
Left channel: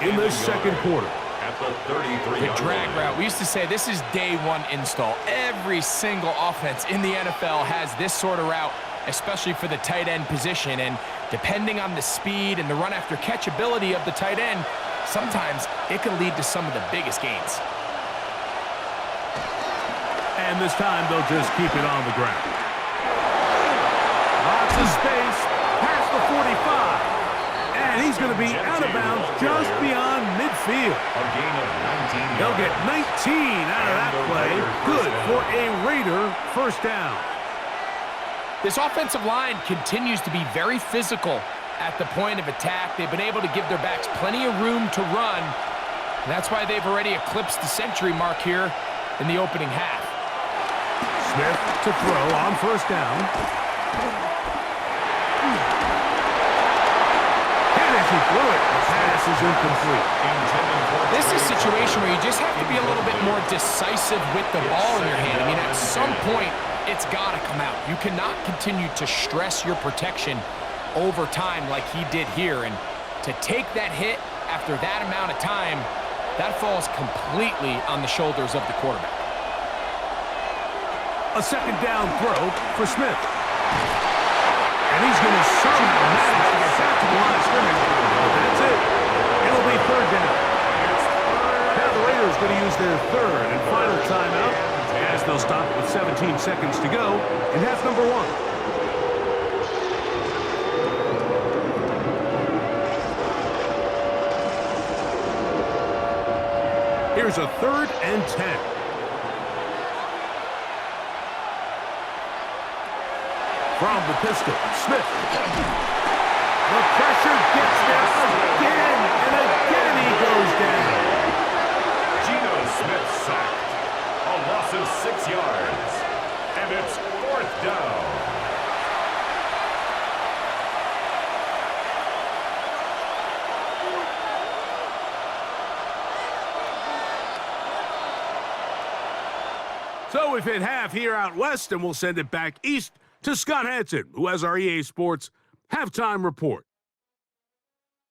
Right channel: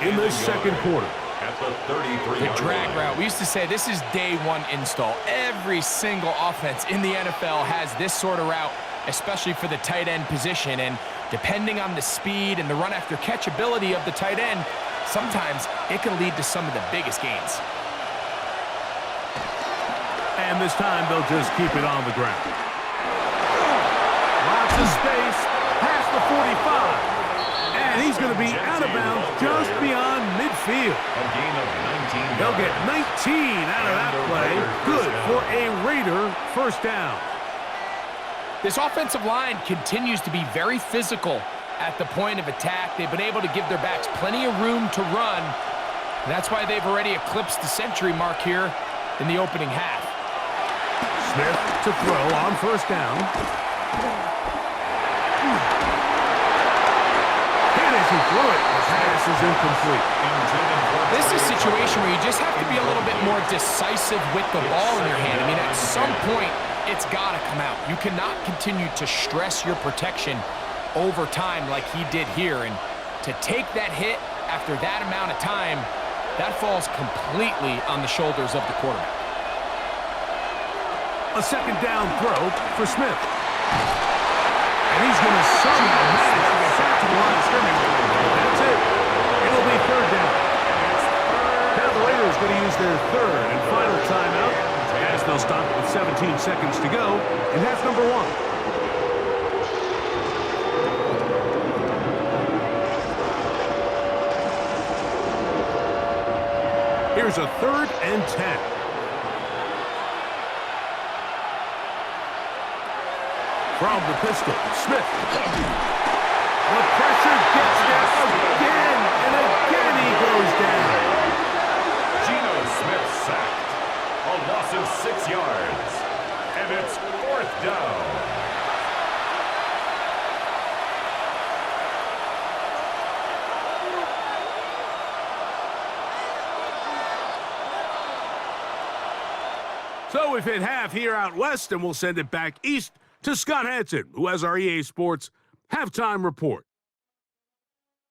in the second quarter. The drag route. We used to say this is day 1 install. Every single offense in the NFL has this sort of route, especially for the tight end position. And depending on the speed and the run after catch ability of the tight end, sometimes it can lead to some of the biggest gains. And this time they'll just keep it on the ground. Lots of space past the 45. And he's going to be out of bounds just beyond midfield. A gain of 19 They'll get 19 out of that play. Good for a Raider first down. This offensive line continues to be very physical at the point of attack. They've been able to give their backs plenty of room to run. And that's why they've already eclipsed the century mark here in the opening half. Smith to throw on first down. And as he threw it, the pass is incomplete. This is a situation where you just have to be a little bit more decisive with the ball in your hand. I mean, at some point, it's got to come out. You cannot continue to stress your protection over time like he did here. And to take that hit after that amount of time, that falls completely on the shoulders of the quarterback. A second down throw for Smith. And he's going to somehow manage to get back to the line of scrimmage. That's it. It'll be third down. Now the Raiders going to use their third and final timeout as they'll stop with 17 seconds to go in half number 1. Here's a 3rd and 10. From the pistol, Smith. The pressure gets there again, and again he goes down. Geno Smith sacked. A loss of 6 yards. And it's 4th down. So we've hit half here out west, and we'll send it back east to Scott Hansen, who has our EA Sports halftime report.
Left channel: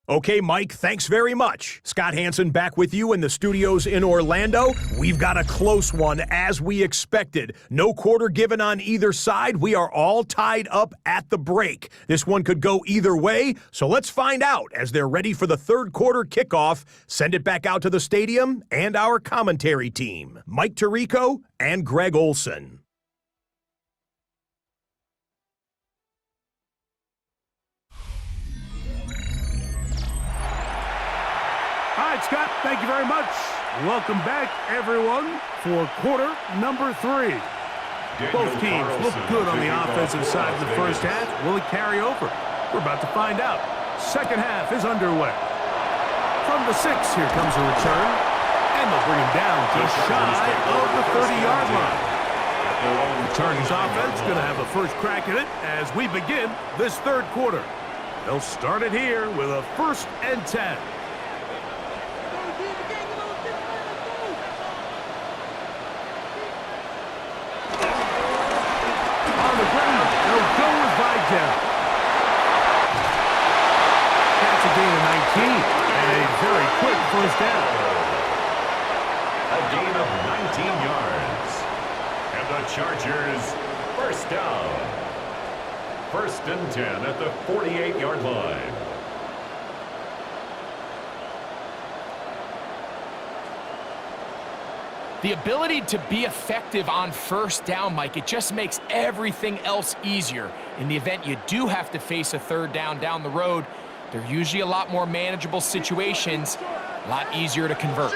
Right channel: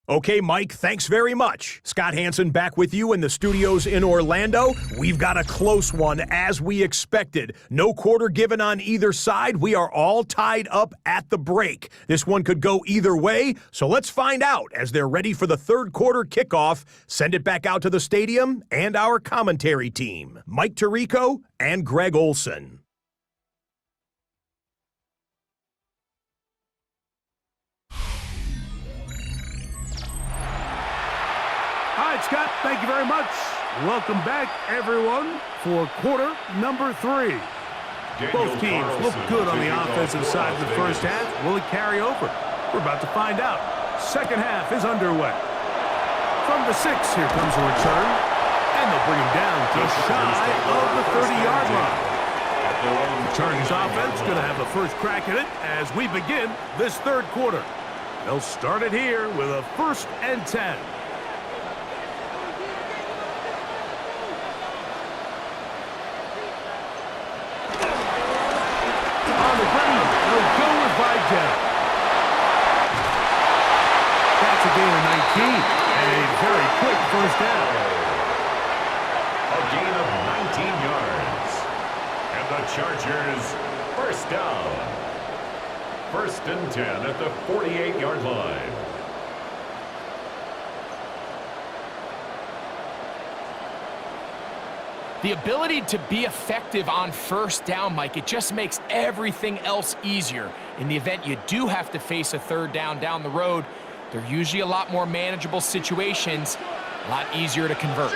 Okay, Mike, thanks very much. Scott Hansen back with you in the studios in Orlando. We've got a close one, as we expected. No quarter given on either side. We are all tied up at the break. This one could go either way, so let's find out as they're ready for the third quarter kickoff. Send it back out to the stadium and our commentary team, Mike Tirico and Greg Olson. All right, Scott, thank you very much. Welcome back, everyone, for quarter number 3. Both teams look good on the offensive side in the first half. Will it carry over? We're about to find out. Second half is underway. From the 6, here comes a return. And they'll bring him down just shy of the 30-yard line. The Chargers offense going to have a first crack at it as we begin this third quarter. They'll start it here with a 1st and 10. On the ground, they'll go with Vidal. That's a gain of 19 and a very quick first down. A gain of 19 yards. And the Chargers, first down. 1st and 10 at the 48-yard line. The ability to be effective on first down, Mike, it just makes everything else easier. In the event you do have to face a third down the road, they're usually a lot more manageable situations, a lot easier to convert.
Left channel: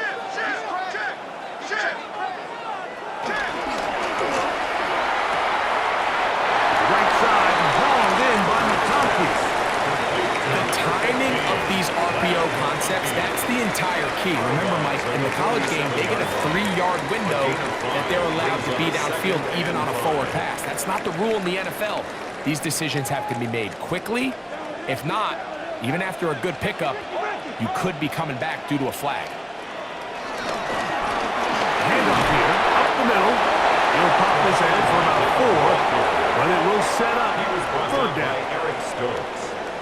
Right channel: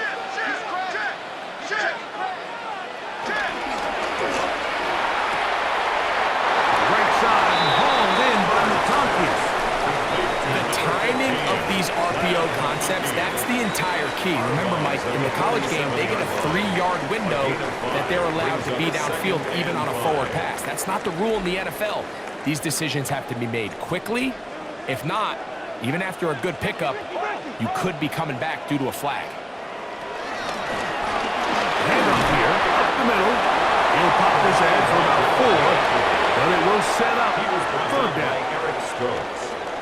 Right side hauled in by McConkey. The timing of these RPO concepts, that's the entire key. Remember, Mike, in the college game, they get a 3-yard window that they're allowed to be downfield even on a forward pass. That's not the rule in the NFL. These decisions have to be made quickly. If not, even after a good pickup, you could be coming back due to a flag. Handoff here, up the middle. He'll pop this ahead for about 4, but it will set up third down.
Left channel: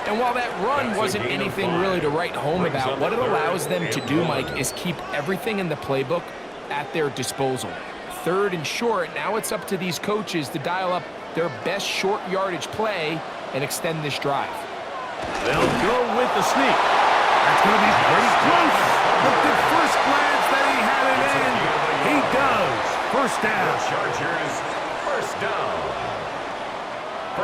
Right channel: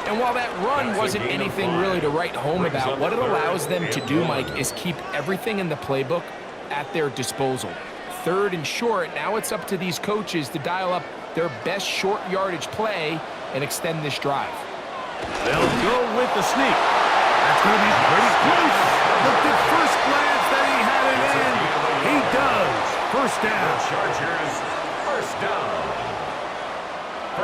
And while that run wasn't anything really to write home about, what it allows them to do, Mike, is keep everything in the playbook at their disposal. 3rd and short, now it's up to these coaches to dial up their best short yardage play and extend this drive. They'll go with the sneak. That's going to be pretty close. Looked at first glance that he had it in. He does. First down. Chargers, first down.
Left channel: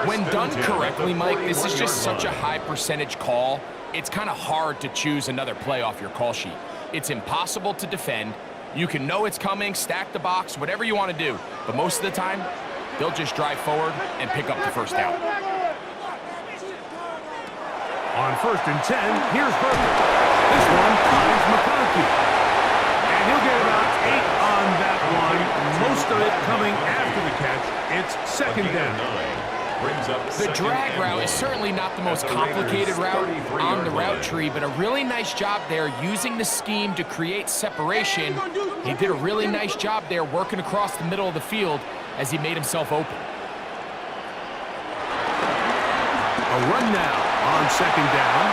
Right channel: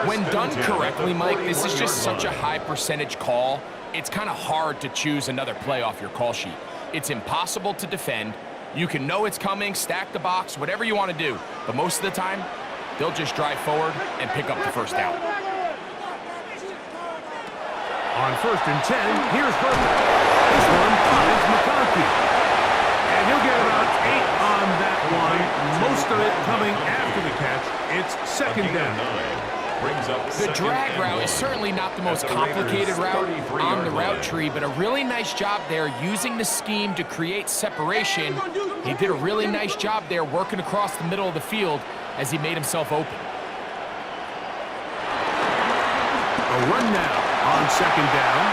When done correctly, Mike, this is just such a high percentage call. It's kind of hard to choose another play off your call sheet. It's impossible to defend. You can know it's coming, stack the box, whatever you want to do. But most of the time, they'll just drive forward and pick up the first down. On 1st and 10, here's Herbert. This one finds McConkey. And he'll get about 8 on that one. Most of it coming after the catch. It's 2nd down. The drag route is certainly not the most complicated route on the route tree, but a really nice job there using the scheme to create separation. He did a really nice job there working across the middle of the field as he made himself open. A run now on 2nd down.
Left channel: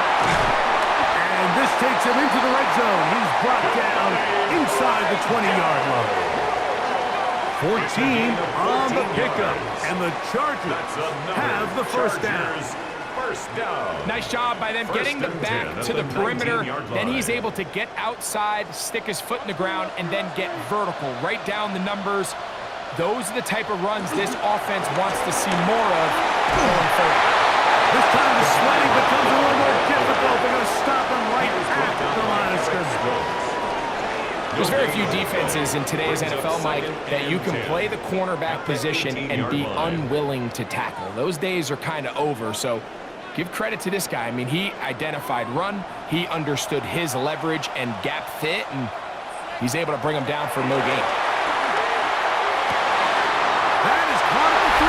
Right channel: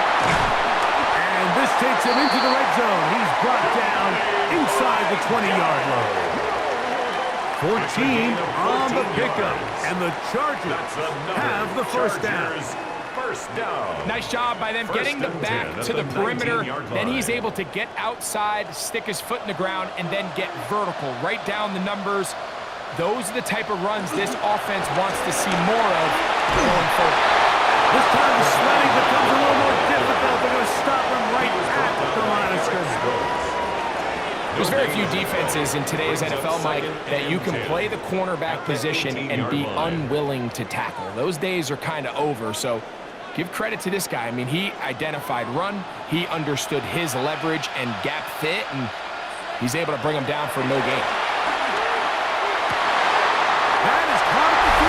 And this takes him into the red zone. He's brought down inside the 20-yard line. 14 on the pickup, and the Chargers have the first down. Nice job by them getting the back to the perimeter. Then he's able to get outside, stick his foot in the ground, and then get vertical right down the numbers. Those are the type of runs this offense wants to see more of going forward. This time the sledding becomes a little more difficult. They're going to stop him right at the line of scrimmage. There's very few defenses in today's NFL, Mike, that you can play the cornerback position and be unwilling to tackle. Those days are kind of over, so give credit to this guy. I mean, he identified run, he understood his leverage and gap fit, and he's able to bring him down for no gain. That is caught at the 3.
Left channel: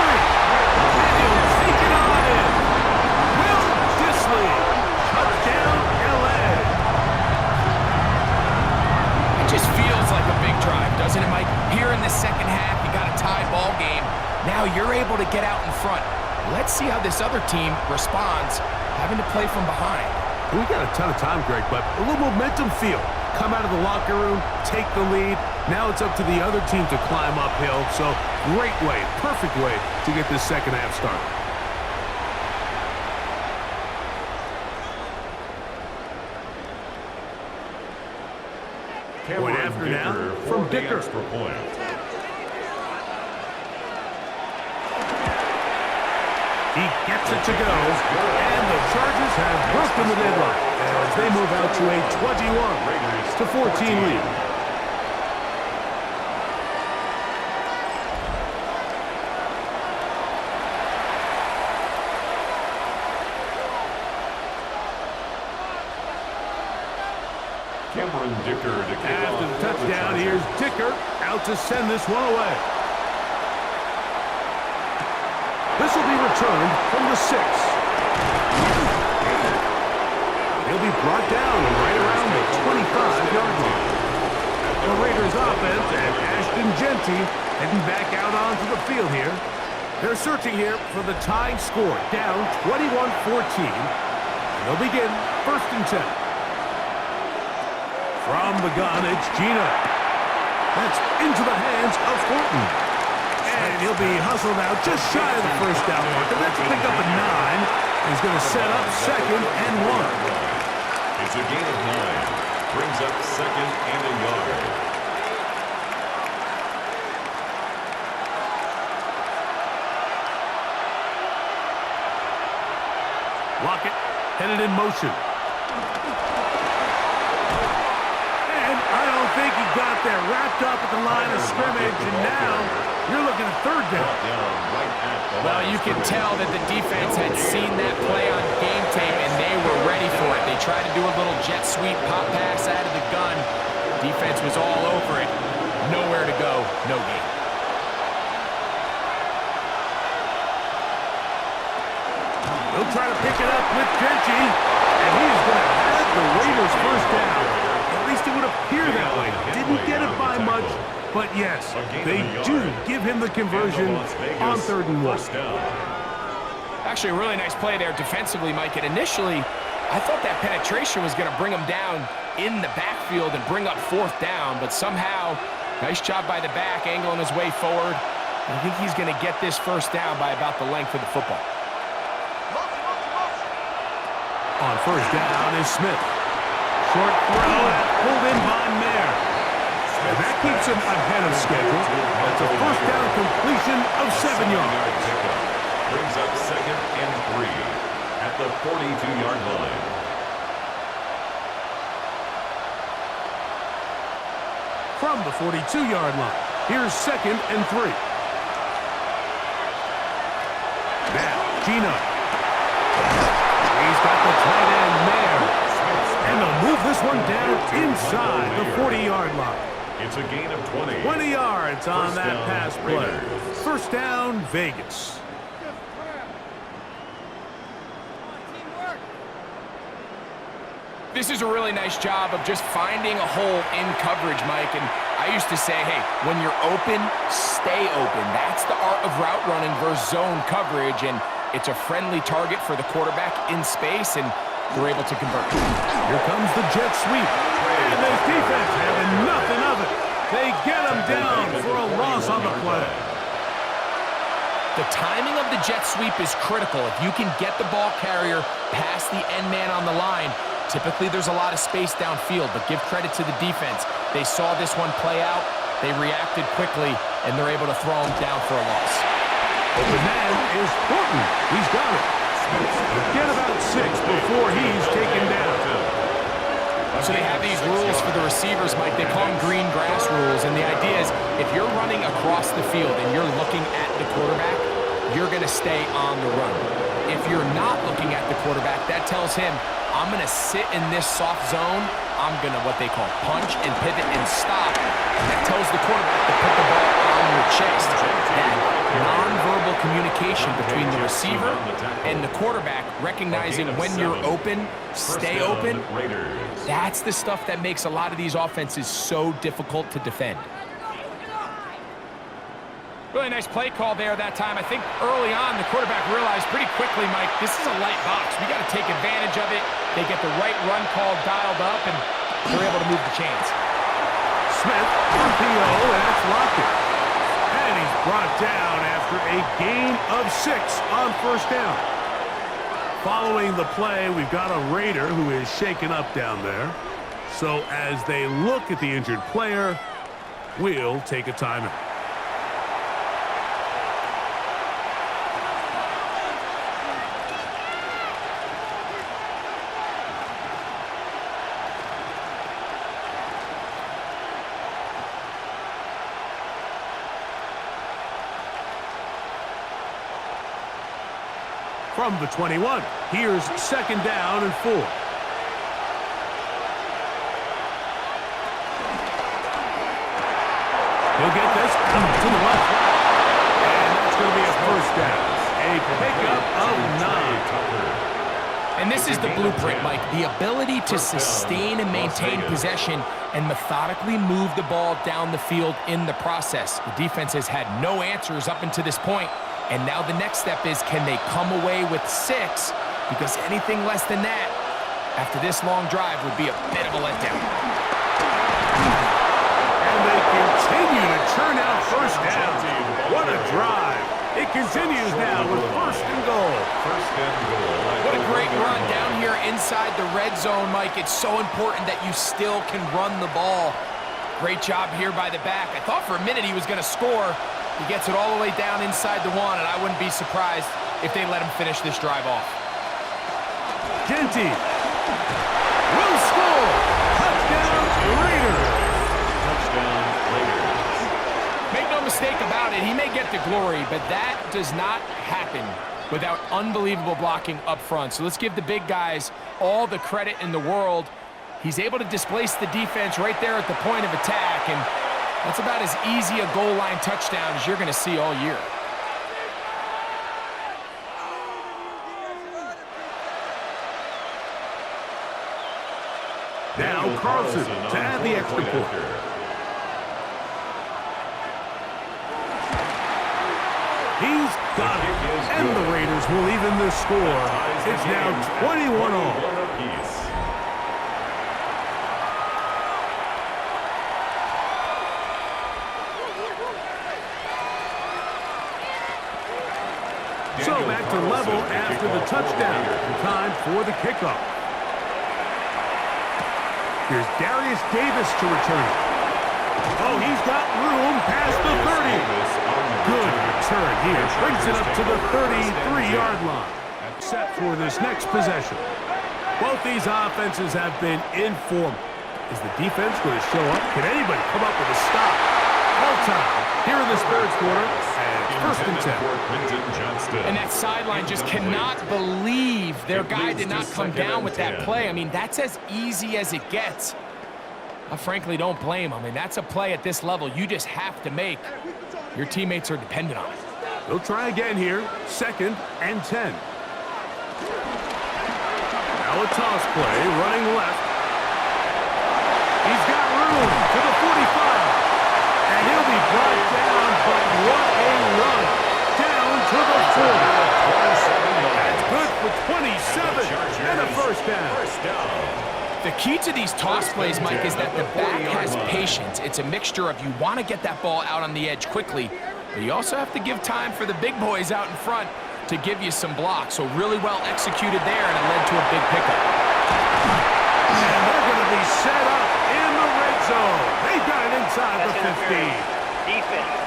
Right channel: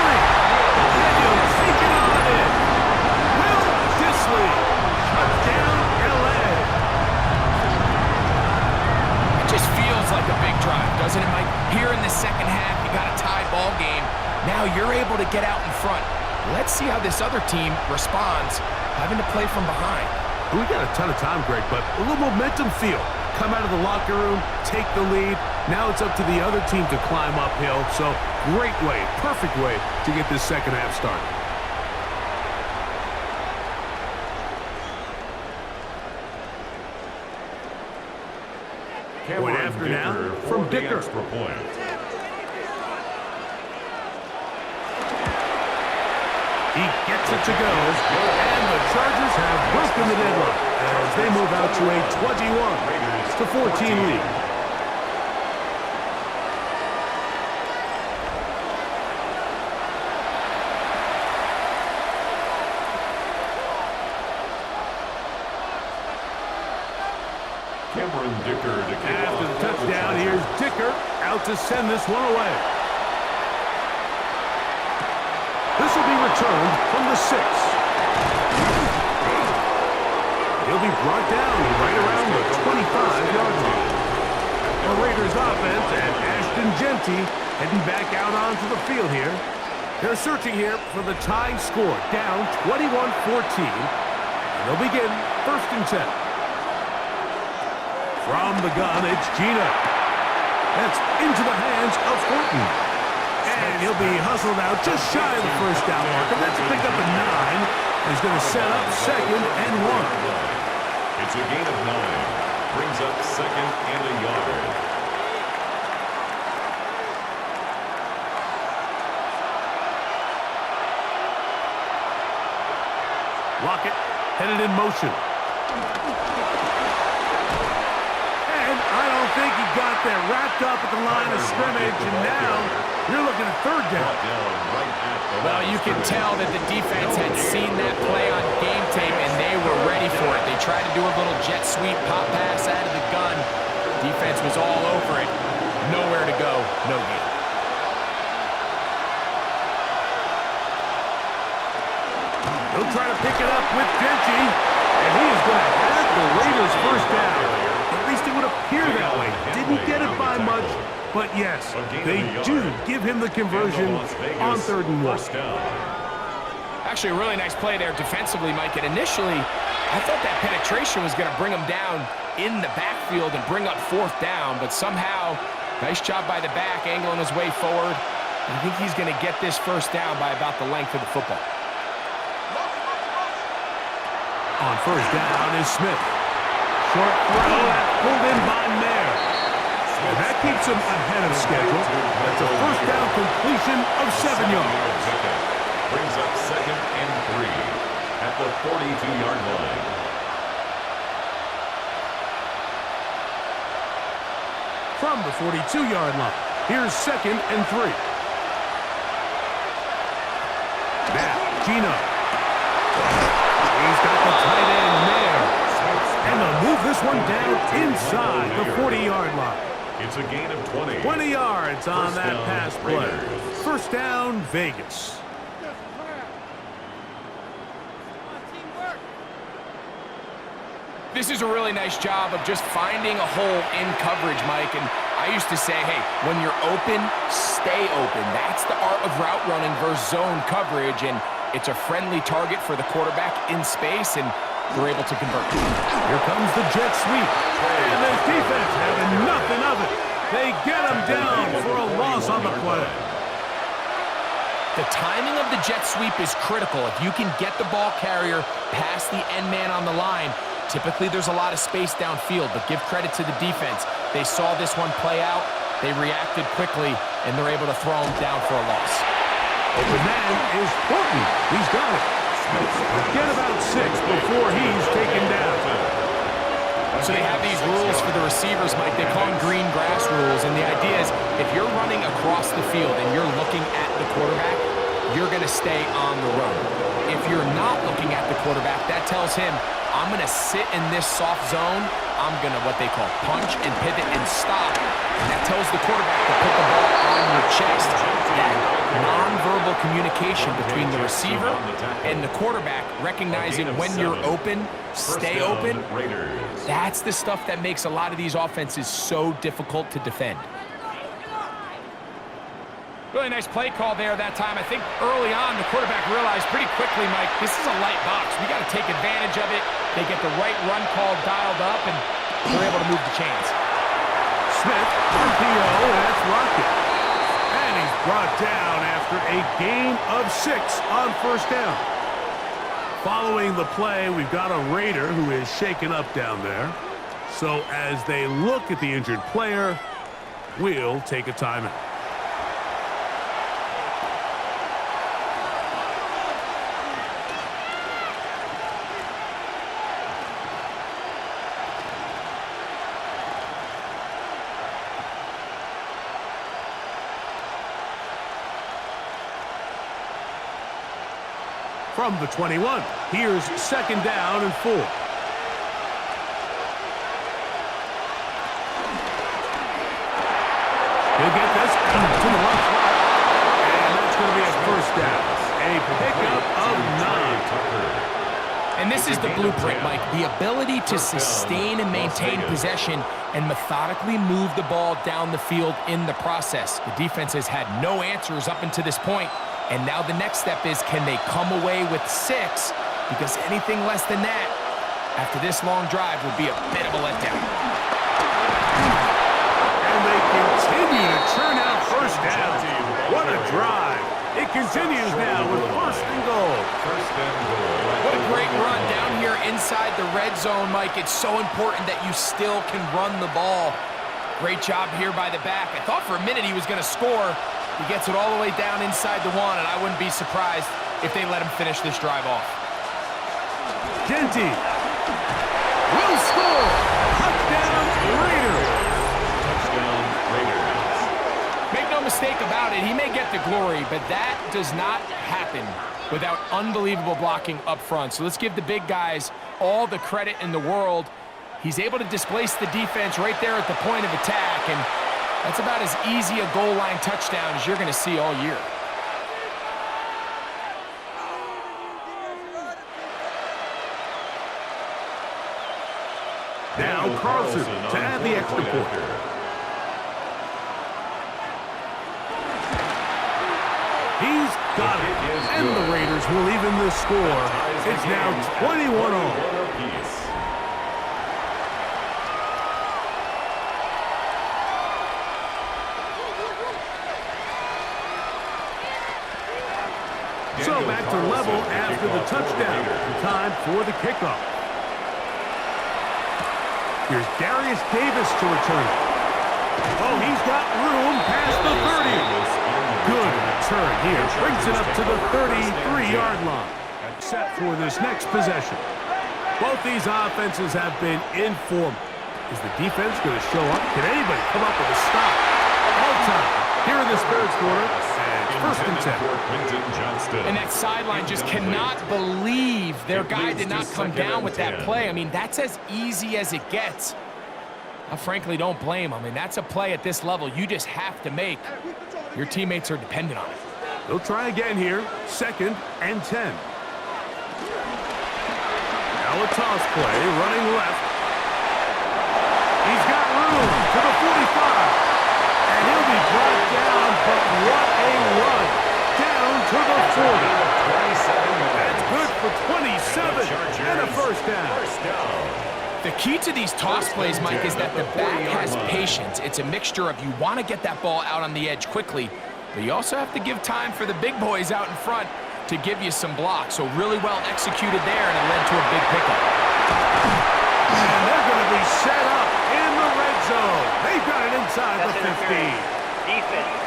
And he'll sneak it on in. Will Disley, touchdown, L.A. Just feels like a big drive, doesn't it, Mike? Here in the second half, you got a tie ball game. Now you're able to get out in front. Let's see how this other team responds, having to play from behind. We got a ton of time, Greg, but a little momentum feel. Come out of the locker room, take the lead. Now it's up to the other team to climb uphill. So great way, perfect way to get this second half started. Point after now from Dicker. He gets it to go, and the Chargers have broken the deadlock as they move out to a 21-14 lead. Dicker to after the touchdown, here's Dicker out to send this one away. This will be returned from the 6. He'll be brought down right around the 25-yard line. The Raiders offense and Ashton Genty heading back out onto the field here. They're searching here for the tying score, down 21-14. And they'll begin 1st and 10. From the gun, it's Gina. That's into the hands of Horton. And he'll be hustled out just shy of the first down marker. That's picked up a 9. He's going to set up 2nd and 1. It's a gain of 9. Brings up 2nd and a yard. Lockett headed in motion. I don't think he got there. Wrapped up at the line of scrimmage, and now you're looking at 3rd down. Well, you can tell that the defense had seen that play on game tape, and they were ready for it. They tried to do a little jet sweep pop pass out of the gun. Defense was all over it. Nowhere to go, no gain. He'll try to pick it up with Genty, and he is going to have the Raiders' 1st down. At least it would appear that way. Didn't get it by much, but yes, they do give him the conversion on 3rd and 1. Actually, a really nice play there defensively, Mike. And initially, I thought that penetration was going to bring him down in the backfield and bring up 4th down, but somehow, nice job by the back, angling his way forward. I think he's going to get this 1st down by about the length of the football. On 1st down is Smith. Short throw, that's pulled in by Mayer. And that keeps him ahead of schedule. That's a 1st down completion of 7 yards. Brings up 2nd and 3 at the 42-yard line. From the 42-yard line, here's 2nd and 3. Now, Gino. He's got the tight end, Mayer. And they'll move this one down inside the 40-yard line. It's a gain of 20. 20 yards on that down, pass play. Raiders. 1st down, Vegas. This is a really nice job of just finding a hole in coverage, Mike. And I used to say, hey, when you're open, stay open. That's the art of route running versus zone coverage. And it's a friendly target for the quarterback in space, and they're able to convert. Here comes the jet sweep. And this defense having nothing of it. They get him down for a loss on the play. The timing of the jet sweep is critical. If you can get the ball carrier past the end man on the line, typically there's a lot of space downfield, but give credit to the defense. They saw this one play out, they reacted quickly, and they're able to throw him down for a loss. Open man is Horton. He's got it. Get about 6 before he's taken down. So they have these rules for the receivers, Mike. They call them green grass rules, and the idea is if you're running across the field and you're looking at the quarterback, you're going to stay on the run. If you're not looking at the quarterback, that tells him, I'm going to sit in this soft zone. I'm going to what they call punch and pivot and stop. And that tells the quarterback to put the ball on your chest. That nonverbal communication between the receiver and the quarterback, recognizing when you're open, stay open, that's the stuff that makes a lot of these offenses so difficult to defend. Really nice play call there that time. I think early on the quarterback realized pretty quickly, Mike, this is a light box. We got to take advantage of it. They get the right run call dialed up, and they're able to move the chains. Smith, RPO, and that's Lockett. And he's brought down after a gain of 6 on first down. Following the play, we've got a Raider who is shaken up down there. So as they look at the injured player, we'll take a timeout. From the 21, here's 2nd down and 4. He'll get this out to the left flat, and that's going to be a first down. A pickup of 9. And this is the blueprint, Mike. The ability to sustain and maintain possession and methodically move the ball down the field in the process. The defense has had no answers up until this point. And now the next step is, can they come away with 6? Because anything less than that, after this long drive, would be a bit of a letdown. And they continue to churn out first down. What a drive. It continues now with 1st and goal. What a great run down here inside the red zone, Mike. It's so important that you still can run the ball. Great job here by the back. I thought for a minute he was going to score. He gets it all the way down inside the 1, and I wouldn't be surprised if they let him finish this drive off. Genty will score. Touchdown, Raiders. Touchdown, Raiders. Make no mistake about it, he may get the glory, but that does not happen without unbelievable blocking up front. So let's give the big guys all the credit in the world. He's able to displace the defense right there at the point of attack, and that's about as easy a goal line touchdown as you're going to see all year. Now Carlson to add the extra point. He's got it. And the Raiders will even the score. It's now 21 all. So back to level after the touchdown. Time for the kickoff. Here's Darius Davis to return it. Oh, he's got room past the 30. Good return here. Brings it up to the 33-yard line. Set for this next possession. Both these offenses have been informed. Is the defense going to show up? Can anybody come up with a stop? All time here in this 3rd quarter. And 1st and 10. And that sideline just cannot believe their guy did not come down with that play. I mean, that's as easy as it gets. I frankly don't blame him. I mean, that's a play at this level you just have to make. Your teammates are dependent on it. They'll try again here. 2nd and 10. Now a toss play, running left. He's got room to the 45. And he'll be brought down, but what a run. Down to the 40. That's good for 27 and a first down. The key to these toss plays, Mike, is that the back has patience. It's a mixture of you want to get that ball out on the edge quickly, but you also have to give time for the big boys out in front to give you some blocks. So really well executed there, and it led to a big pickup. And they're going to be set up in the red zone. They've got it inside the 15. Defense.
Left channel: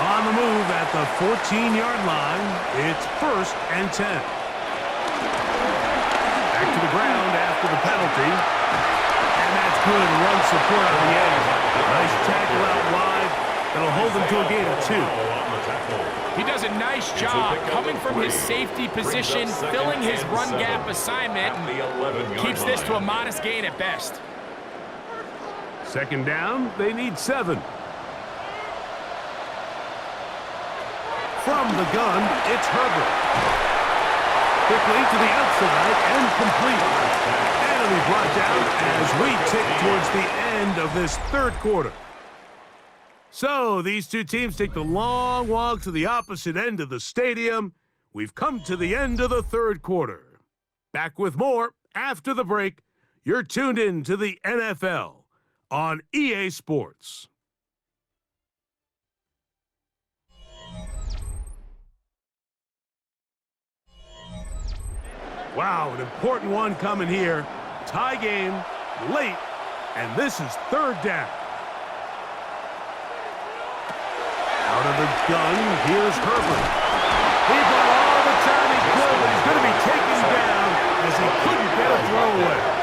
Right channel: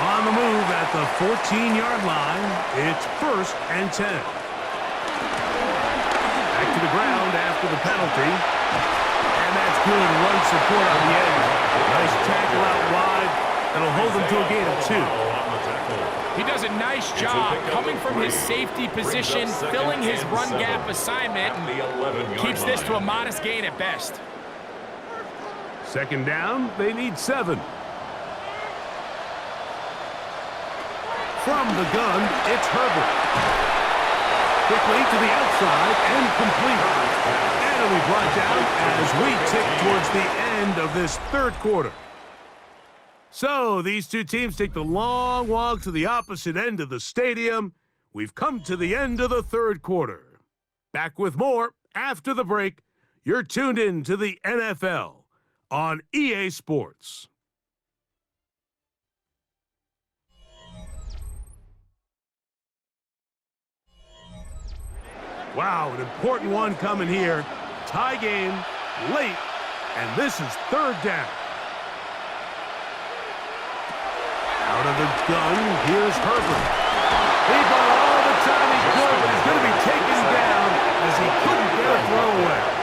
On the move at the 14-yard line, it's 1st and 10. Back to the ground after the penalty. And that's good run support on the edge. Nice tackle out wide. That'll hold them to a gain of 2. On the tackle. He does a nice job coming from his safety position, filling his run gap assignment, and keeps this to a modest gain at best. Second down, they need 7. From the gun, it's Herbert. Quickly to the outside and complete. And it'll be brought down as we tick towards the end of this third quarter. So these two teams take the long walk to the opposite end of the stadium. We've come to the end of the third quarter. Back with more after the break. You're tuned in to the NFL on EA Sports. Wow, an important one coming here. Tie game, late, and this is third down. Out of the gun, here's Herbert. He bought all the time he could, but he's going to be taken down as he couldn't get a throw away.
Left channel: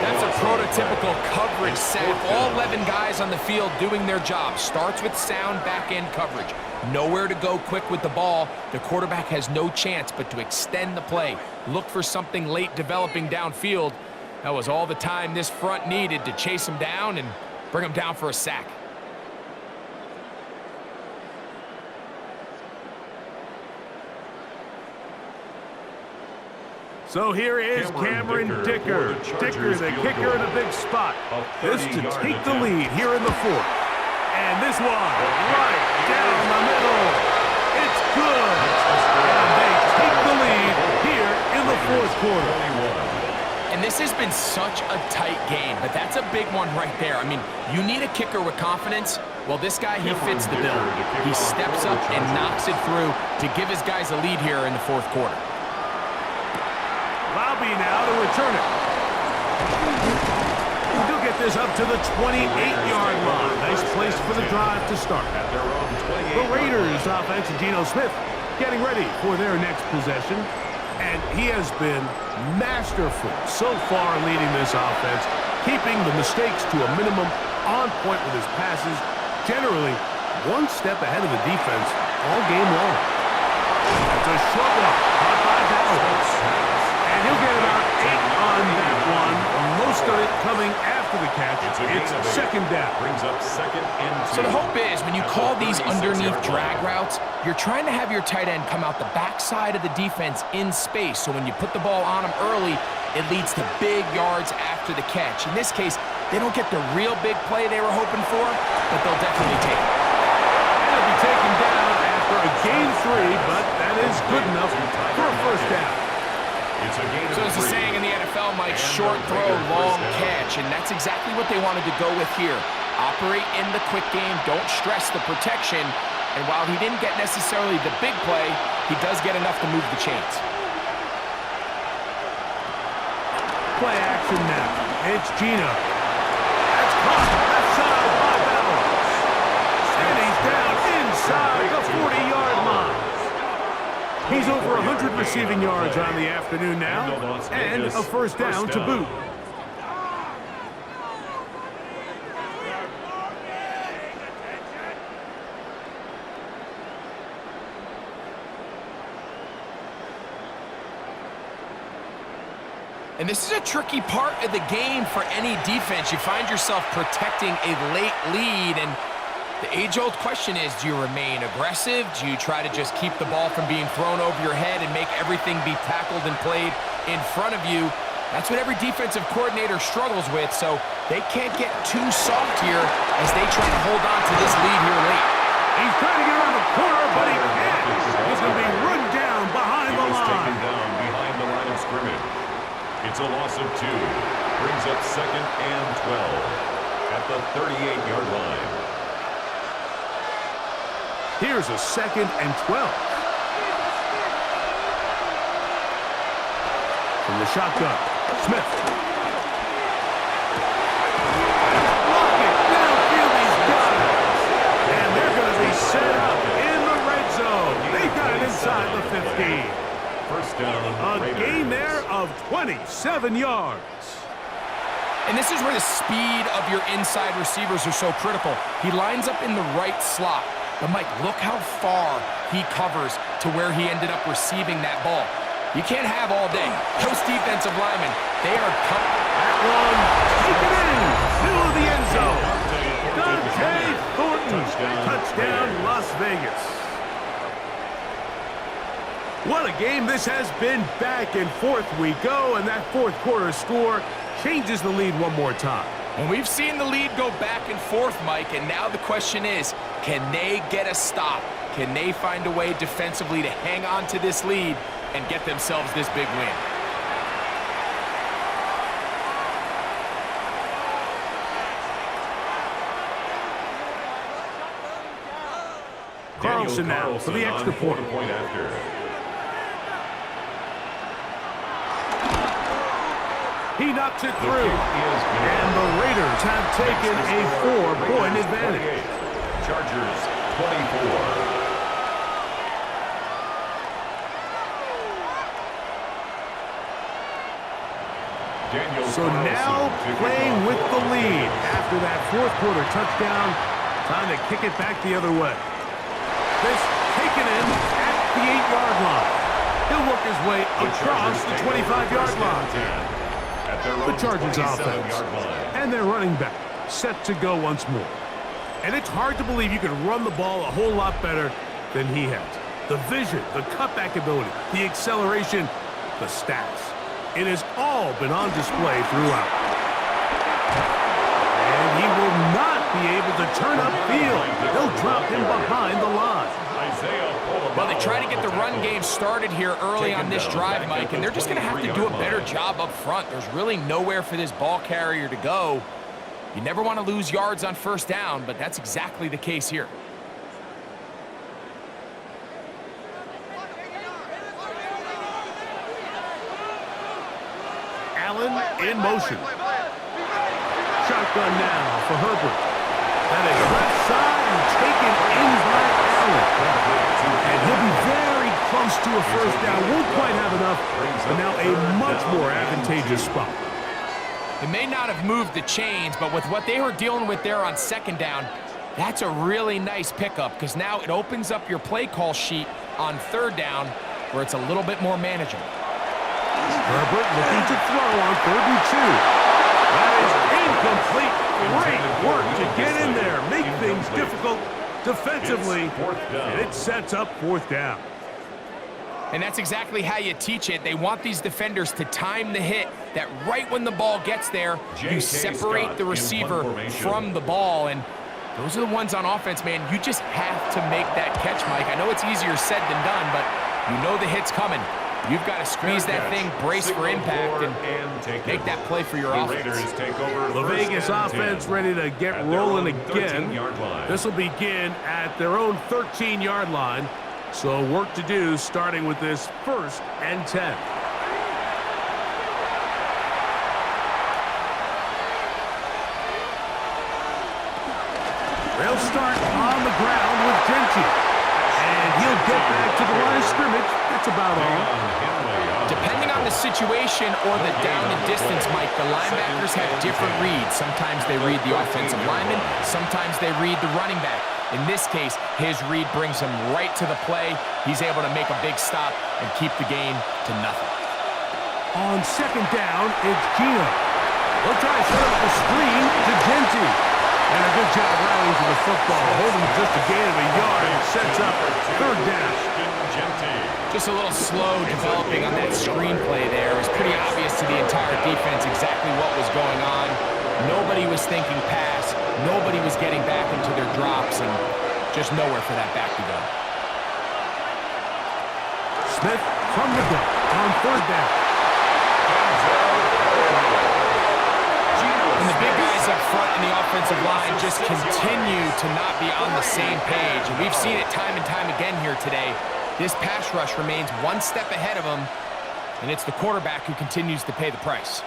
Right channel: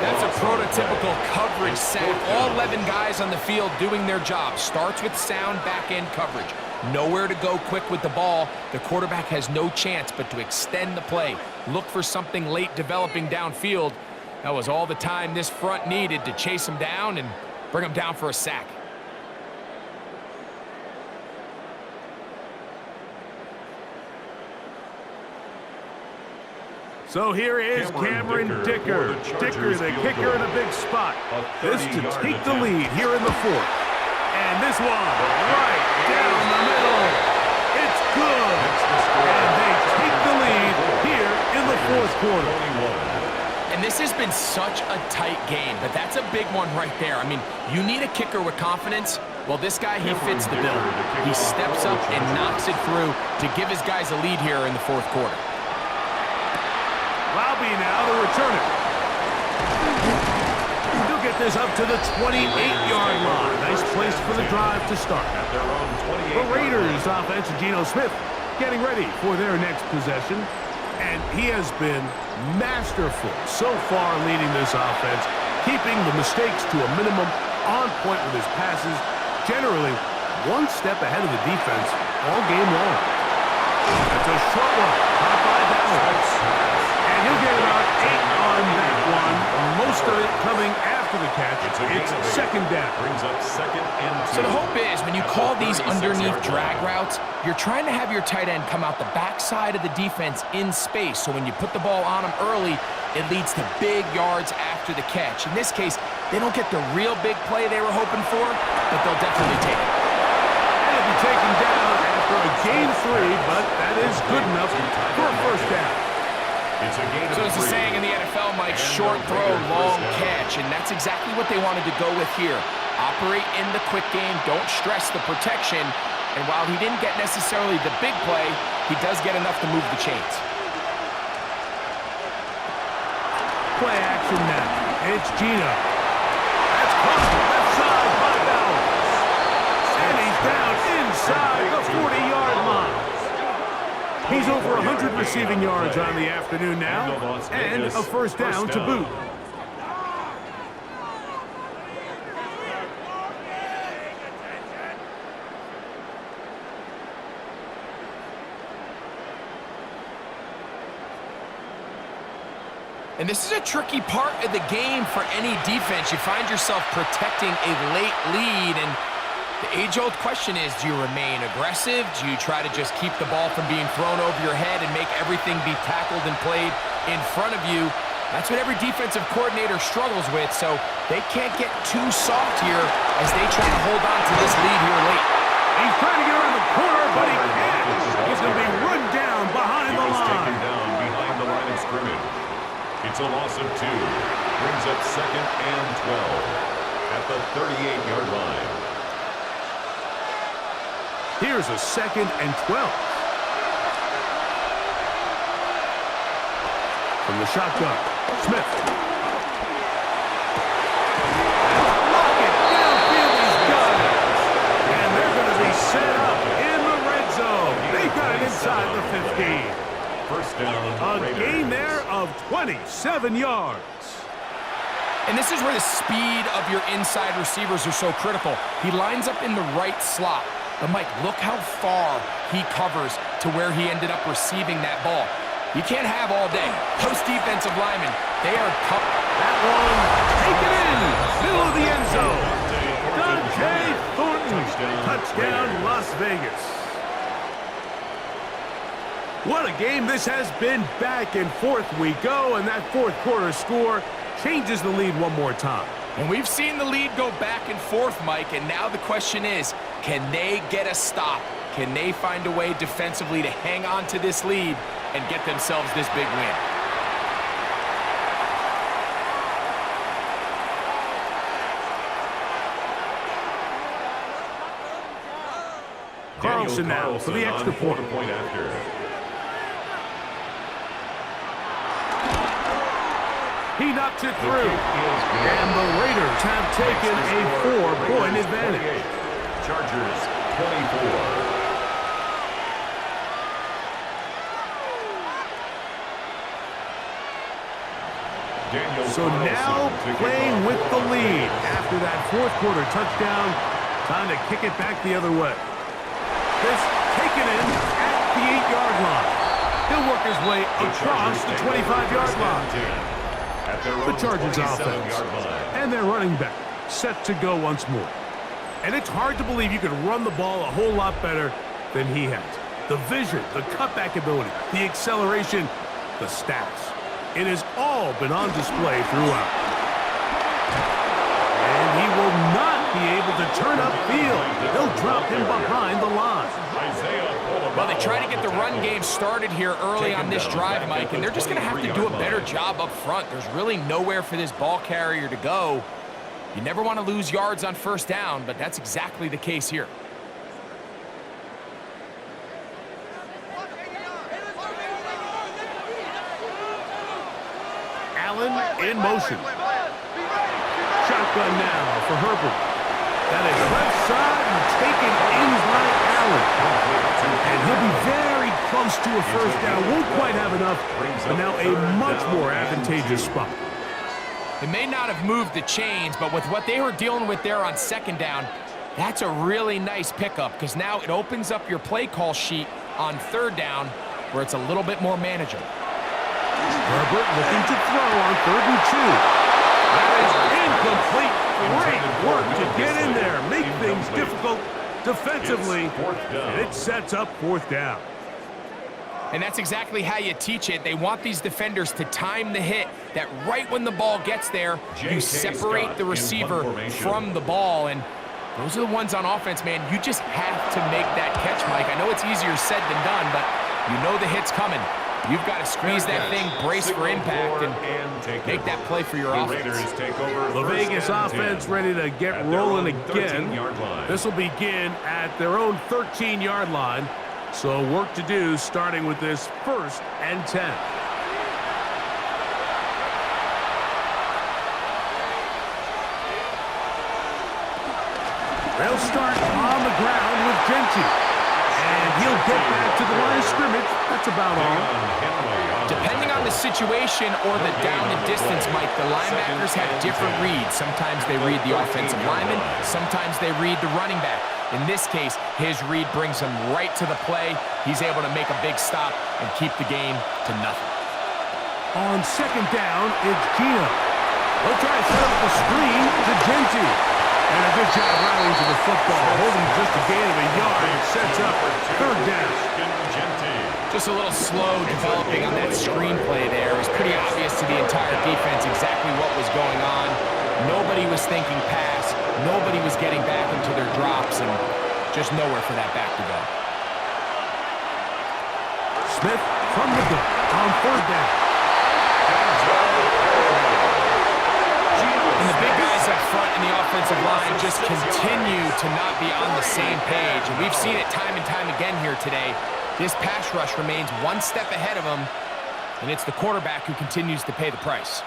That's a prototypical coverage sack. All 11 guys on the field doing their job. Starts with sound back-end coverage. Nowhere to go quick with the ball. The quarterback has no chance but to extend the play. Look for something late developing downfield. That was all the time this front needed to chase him down and bring him down for a sack. So here is Cameron Dicker. Dicker, the kicker in a big spot. This to take the lead here in the fourth. And this one, right down the middle. It's good. And they take the lead here in the fourth quarter. And this has been such a tight game, but that's a big one right there. I mean, you need a kicker with confidence. Well, this guy, he fits the bill. He steps up and knocks it through to give his guys a lead here in the fourth quarter. Lobby now to return it. He'll get this up to the 28-yard line. Nice place for the drive to start. The Raiders offense, Geno Smith, getting ready for their next possession. And he has been masterful so far leading this offense, keeping the mistakes to a minimum, on point with his passes, generally one step ahead of the defense all game long. That's a short one, caught by Bowers. And he'll get about 8 on that one. Most of it coming after the catch. It's second down. Brings up second and 2. So the hope is when you call these underneath drag routes, you're trying to have your tight end come out the backside of the defense in space. So when you put the ball on him early, it leads to big yards after the catch. In this case, they don't get the real big play they were hoping for, but they'll definitely take it. And it'll be taken down after a gain 3, but that is good enough for a first down. So there's a saying in the NFL, Mike, short throw, long catch, and that's exactly what they wanted to go with here. Operate in the quick game, don't stress the protection, and while he didn't get necessarily the big play, he does get enough to move the chains. Play action now. It's Geno. That's caught left side by Bowers. And he's down inside the 40-yard line. He's over 100 receiving yards on the afternoon now, and a first down to boot. And this is a tricky part of the game for any defense. You find yourself protecting a late lead, and the age-old question is, do you remain aggressive? Do you try to just keep the ball from being thrown over your head and make everything be tackled and played in front of you? That's what every defensive coordinator struggles with, so they can't get too soft here as they try to hold on to this lead here late. He's trying to get around the corner, but he can't. He's going to be run down behind the line. Taken down behind the line of scrimmage. It's a loss of 2. Brings up second and 12 at the 38-yard line. Here's a second and 12. From the shotgun, Smith. Lockett downfield, he's got it. And they're going to be set up in the red zone. They've got it inside the 15. First down, A gain there of 27 yards. And this is where the speed of your inside receivers are so critical. He lines up in the right slot. But, Mike, look how far he covers to where he ended up receiving that ball. You can't have all day. Those defensive linemen, they are coming. That one, take it in, middle of the end zone. Dante Thornton, touchdown Las Vegas. What a game this has been. Back and forth we go, and that fourth quarter score changes the lead one more time. And we've seen the lead go back and forth, Mike, and now the question is, can they get a stop? Can they find a way defensively to hang on to this lead and get themselves this big win? Carlson now for the extra point. After. He knocks it through. And the Raiders have taken a 4-point advantage. Chargers 24. So now playing with the lead after that fourth quarter touchdown. Time to kick it back the other way. This taken in at the 8-yard line. He'll work his way across the 25-yard line. The Chargers offense and their running back set to go once more. And it's hard to believe you could run the ball a whole lot better than he has. The vision, the cutback ability, the acceleration, the stats. It has all been on display throughout. And he will not be able to turn upfield. They'll drop him behind the line. Well, they try to get the run game started here early on this drive, Mike, and they're just going to have to do a better job up front. There's really nowhere for this ball carrier to go. You never want to lose yards on first down, but that's exactly the case here. Allen in motion. Shotgun now for Herbert. That is left side and taken in by Allen. And he'll be very close to a first down. Won't quite have enough, but now a much more advantageous spot. It may not have moved the chains, but with what they were dealing with there on second down, that's a really nice pickup because now it opens up your play call sheet on third down where it's a little bit more manageable. Herbert looking to throw on 3rd and 2. That is incomplete. Great work to get in there, make things difficult defensively, and it sets up 4th down. And that's exactly how you teach it. They want these defenders to time the hit, that right when the ball gets there, you separate the receiver from the ball. And those are the ones on offense, man. You just have to make that catch, Mike. I know it's easier said than done, but you know the hit's coming. You've got to squeeze that thing, brace for impact, and make that play for your offense. The Vegas offense ready to get rolling again. This will begin at their own 13-yard line. So work to do starting with this 1st and 10. They'll start on the ground with Genty. And he'll get back to the line of scrimmage. That's about all. Depending on the situation or the down and distance, Mike, the linebackers have different reads. Sometimes they read the offensive lineman. Sometimes they read the running back. In this case, his read brings him right to the play. He's able to make a big stop and keep the game to nothing. On 2nd down, it's Gino. They'll try to set up the screen to Genty. And a good job rallying to the football, holding just a gain of a yard and sets up 3rd down. Just a little slow developing on that screenplay there. It was pretty obvious to the entire defense exactly what was going on. Nobody was thinking pass. Nobody was getting back into their drops, and just nowhere for that back to go. Smith from the gun on 3rd down. And the big guys up front in the offensive line just continue to not be on the same page. And we've seen it time and time again here today. This pass rush remains one step ahead of them, and it's the quarterback who continues to pay the price.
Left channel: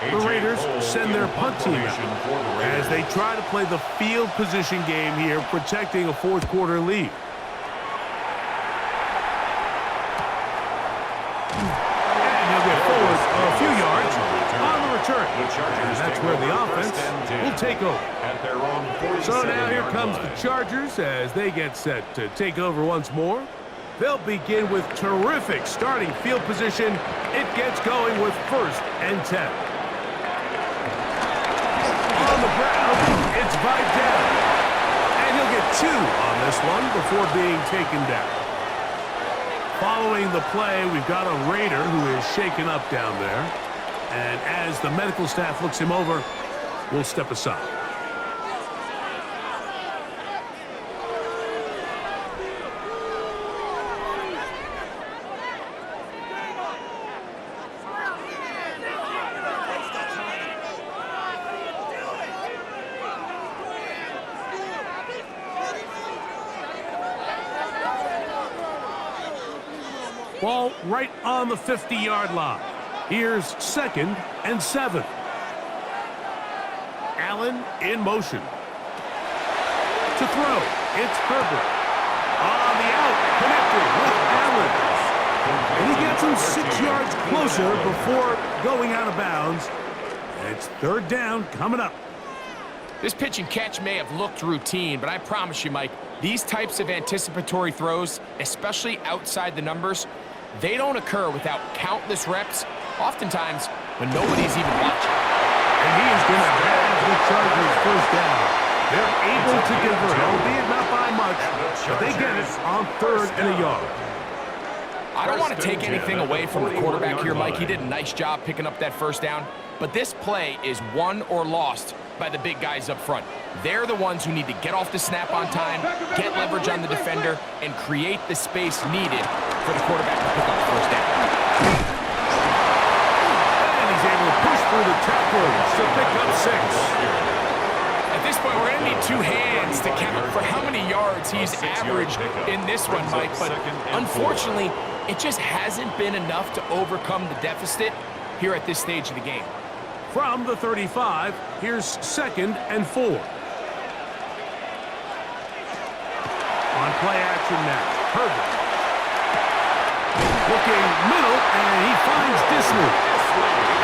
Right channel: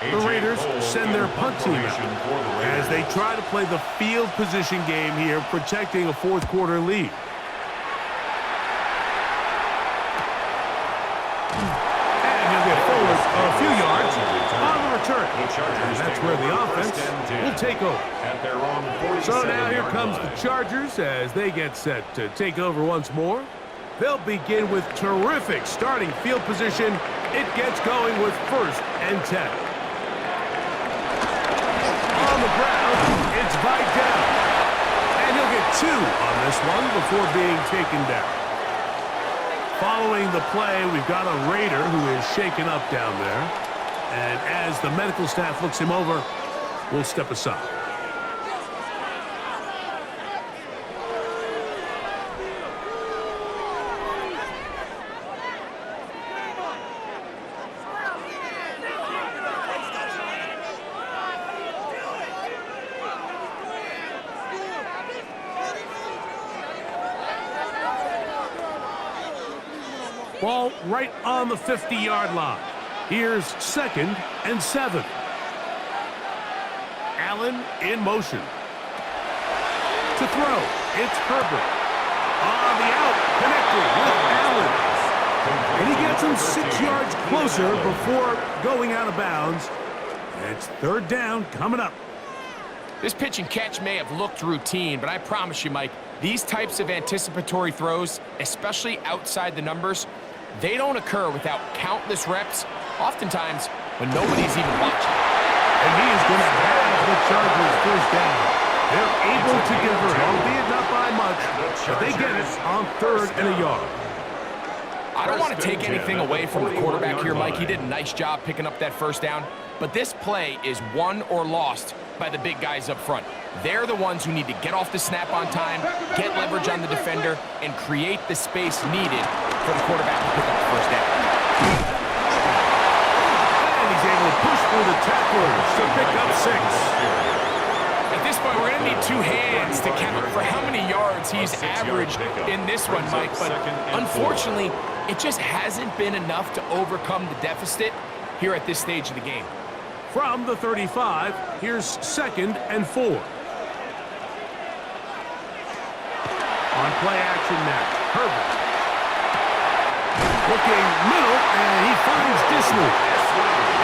The Raiders send their punt team out as they try to play the field position game here, protecting a fourth quarter lead. And he'll get forward a few yards on the return. And that's where the offense will take over. So now here comes the Chargers as they get set to take over once more. They'll begin with terrific starting field position. It gets going with 1st and 10. On the ground, it's Vidal. And he'll get 2 on this one before being taken down. Following the play, we've got a Raider who is shaken up down there. And as the medical staff looks him over, we'll step aside. Ball right on the 50-yard line. Here's 2nd and 7. Allen in motion. To throw, it's Herbert. On the out, connected with Allen. And he gets him 6 yards closer before going out of bounds. It's 3rd down coming up. This pitch and catch may have looked routine, but I promise you, Mike, these types of anticipatory throws, especially outside the numbers, they don't occur without countless reps, oftentimes when nobody's even watching. And he is going to have the Chargers 1st down. They're able to convert, albeit not by much, but they get it on 3rd and a yard. I don't want to take anything away from the quarterback here, Mike. He did a nice job picking up that 1st down, but this play is won or lost by the big guys up front. They're the ones who need to get off the snap on time, get leverage on the defender, and create the space needed for the quarterback to pick up the 1st down. And he's able to push through the tacklers to pick up 6. At this point, we're going to need 2 hands to count for how many yards he's averaged in this one, Mike. But unfortunately, it just hasn't been enough to overcome the deficit here at this stage of the game. From the 35, here's 2nd and 4. On play action now, Herbert. Looking middle, and he finds Disley.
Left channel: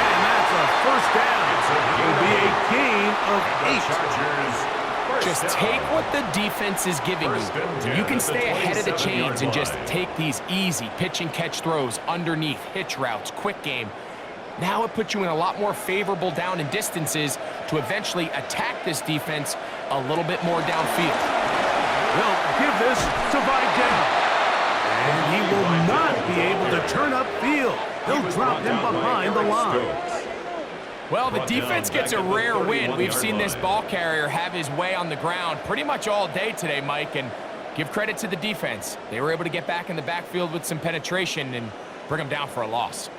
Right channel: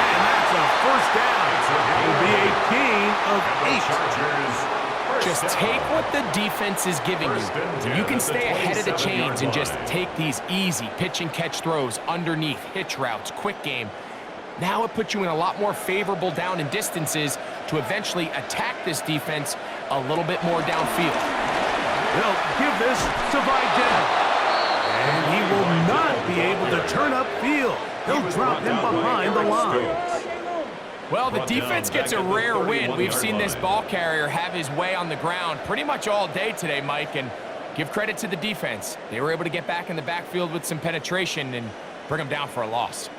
And that's a 1st down. It will be a gain of 8. Just take what the defense is giving you, and you can stay ahead of the chains and just take these easy pitch and catch throws underneath, hitch routes, quick game. Now it puts you in a lot more favorable down and distances to eventually attack this defense a little bit more downfield. They'll give this to Vidal. And he will not be able to turn upfield. They'll drop him behind the line. Well, the defense gets a rare win. We've seen this ball carrier have his way on the ground pretty much all day today, Mike, and give credit to the defense. They were able to get back in the backfield with some penetration and bring him down for a loss.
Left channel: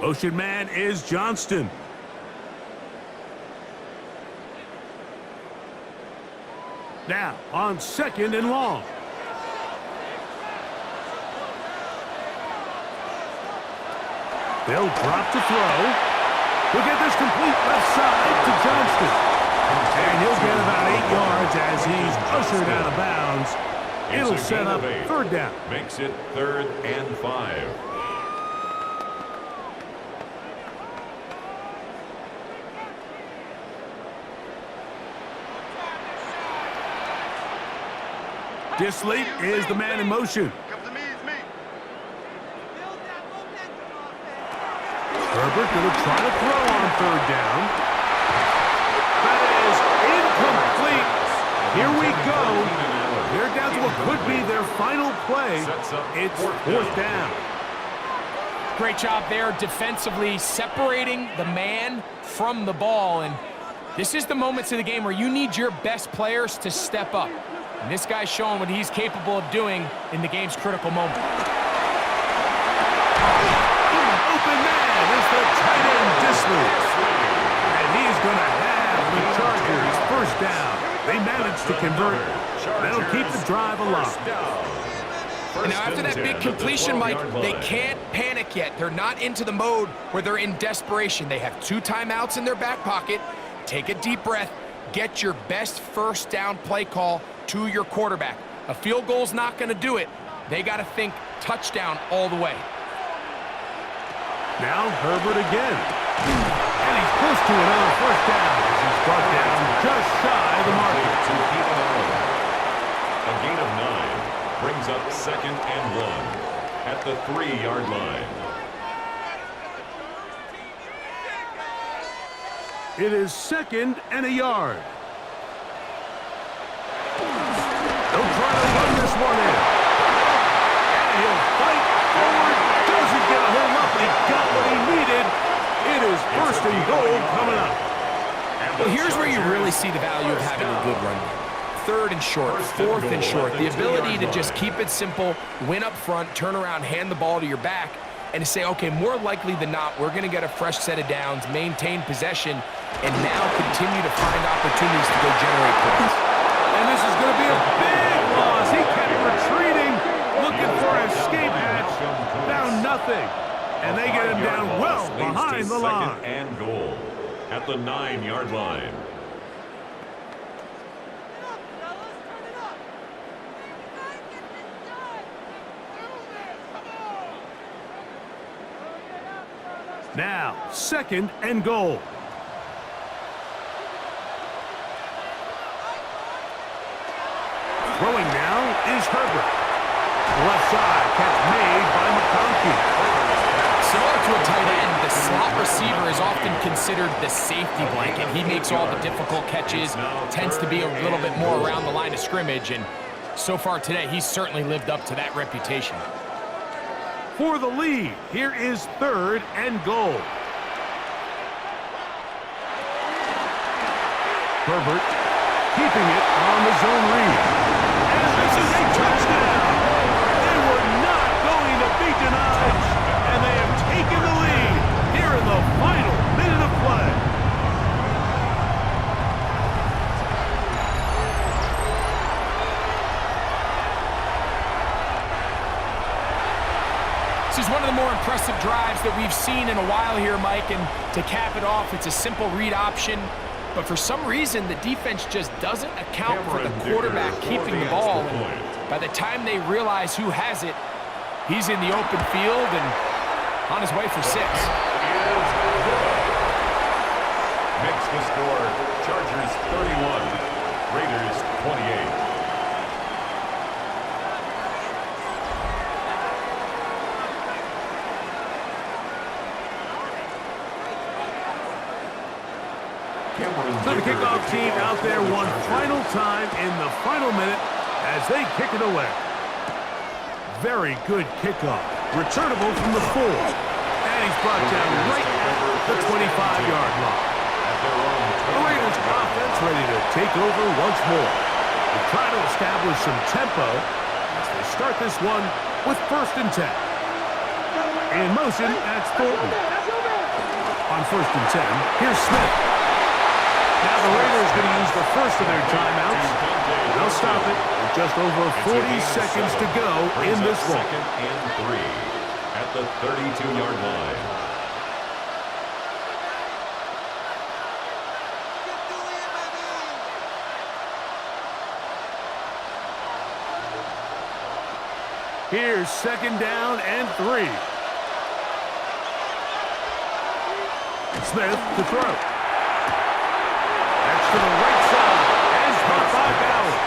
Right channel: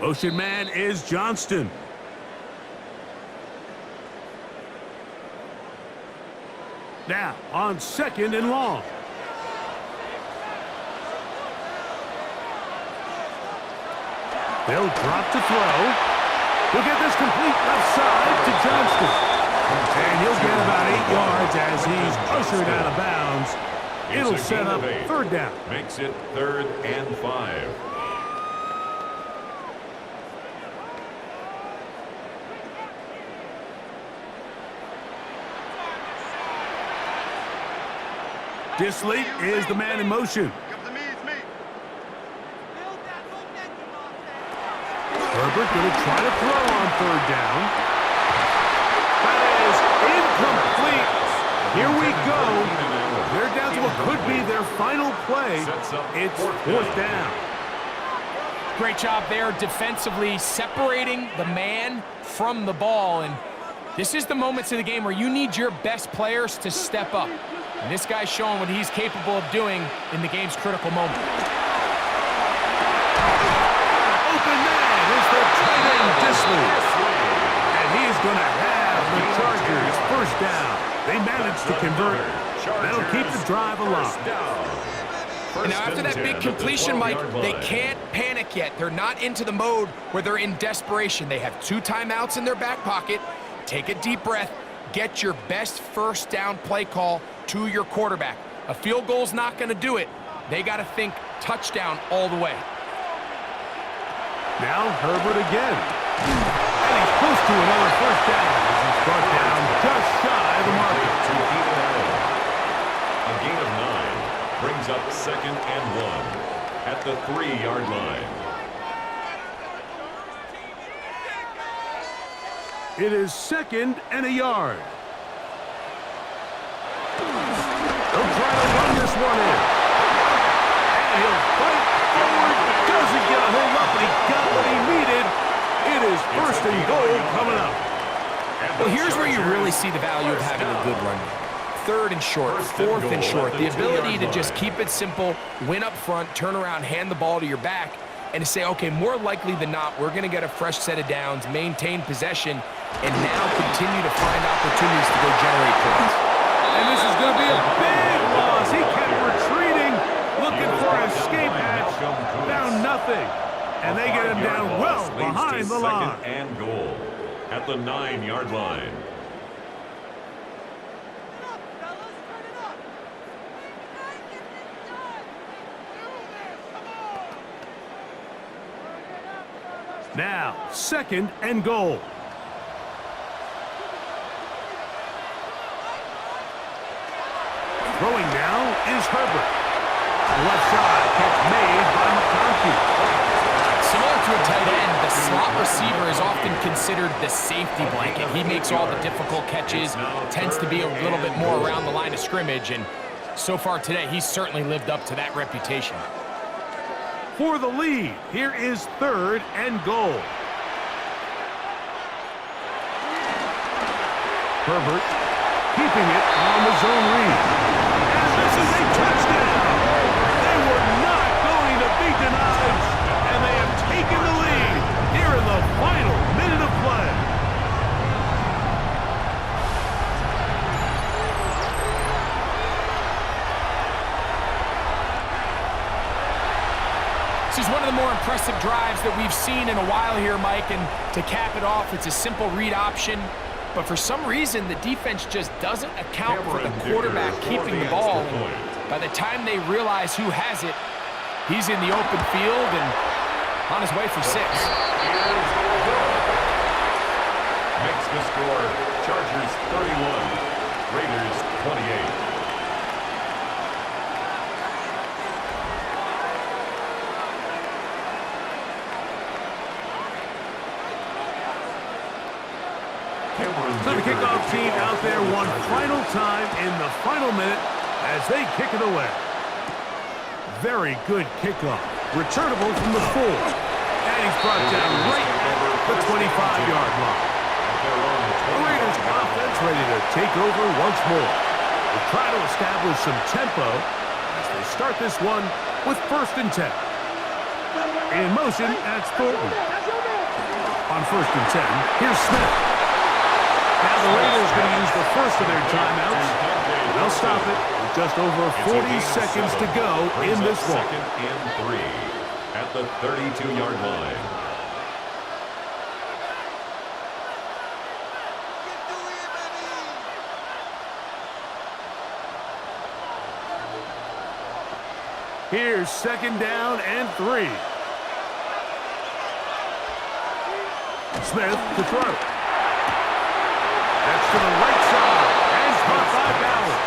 Motion man is Johnston. Now on 2nd and long. They'll drop to throw. He'll get this complete left side to Johnston. And he'll get about 8 yards as he's ushered out of bounds. It'll set up 3rd down. Makes it 3rd and 5. Disley is the man in motion. Herbert going to try to throw on 3rd down. That is incomplete. Here we go. They're down to what could be their final play. It's 4th down. Great job there defensively, separating the man from the ball. And this is the moments of the game where you need your best players to step up. And this guy's showing what he's capable of doing in the game's critical moment. Open man is the tight end, Disley. And he's going to have the Chargers 1st down. They managed to convert. They'll keep the drive alive. And now after that big completion, Mike, they can't panic yet. They're not into the mode where they're in desperation. They have 2 timeouts in their back pocket. Take a deep breath. Get your best first down play call to your quarterback. A field goal's not going to do it. They got to think touchdown all the way. Now Herbert again. And he's close to another first down as he's brought down just shy of the marker. To Keenan Allen. A gain of 9 brings up 2nd and 1 at the 3-yard line. It is 2nd and a yard. They'll try to run this one in. And he'll fight forward. Doesn't get a hold up, but he got what he needed. It is 1st and goal coming up. Well, here's where you really see the value of having a good run game. 3rd and short, 4th and short. The ability to just keep it simple, win up front, turn around, hand the ball to your back, and to say, okay, more likely than not, we're going to get a fresh set of downs, maintain possession, and now continue to find opportunities to go generate points. And this is going to be a big loss. He kept retreating, looking for an escape hatch, found nothing. And they get him down well behind the line. 2nd and goal at the 9-yard line. Now, 2nd and goal. Throwing now is Herbert. Left side, catch made by McConkey. Similar to a tight end, the slot receiver is often considered the safety blanket. He makes all the difficult catches, tends to be a little bit more around the line of scrimmage, and so far today, he's certainly lived up to that reputation. For the lead, here is 3rd and goal. Herbert keeping it on the zone read. And this is a touchdown. They were not going to be denied, and they have taken the lead here in the final minute of play. This is one of the more impressive drives that we've seen in a while here, Mike, and to cap it off, it's a simple read option, but for some reason, the defense just doesn't account for the quarterback keeping the ball, and by the time they realize who has it, he's in the open field and on his way for 6. Makes the score Chargers 31, Raiders 28. So the kickoff team out there one final time in the final minute as they kick it away. Very good kickoff. Returnable from the 4. And he's brought down right at the 25-yard line. The Raiders offense ready to take over once more. They try to establish some tempo as they start this one with 1st and 10. In motion, that's Thornton. On 1st and 10, here's Smith. Now the Raiders going to use the first of their timeouts. They'll stop it with just over 40 seconds to go in this one. 2nd and 3 at the 32-yard line. Here's 2nd down and 3. Smith to throw. That's to the right side, and caught by Bauer.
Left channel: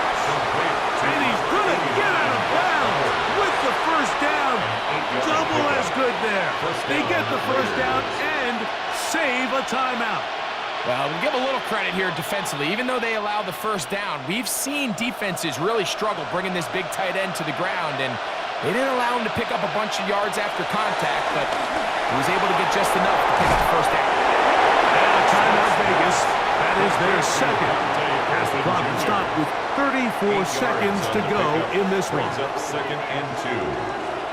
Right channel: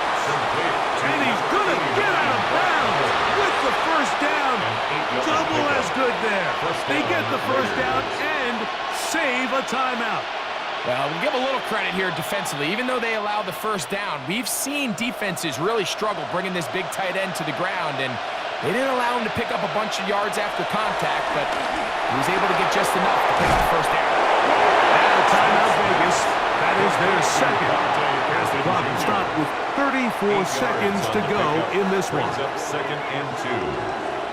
And he's going to get out of bounds with the first down. Double as good there. They get the first down and save a timeout. Well, we give a little credit here defensively. Even though they allow the first down, we've seen defenses really struggle bringing this big tight end to the ground, and they didn't allow him to pick up a bunch of yards after contact, but he was able to get just enough to pick up first down. Now timeout Vegas. That is their second. As the clock will stop with 34 seconds to go in this one. Brings up 2nd and 2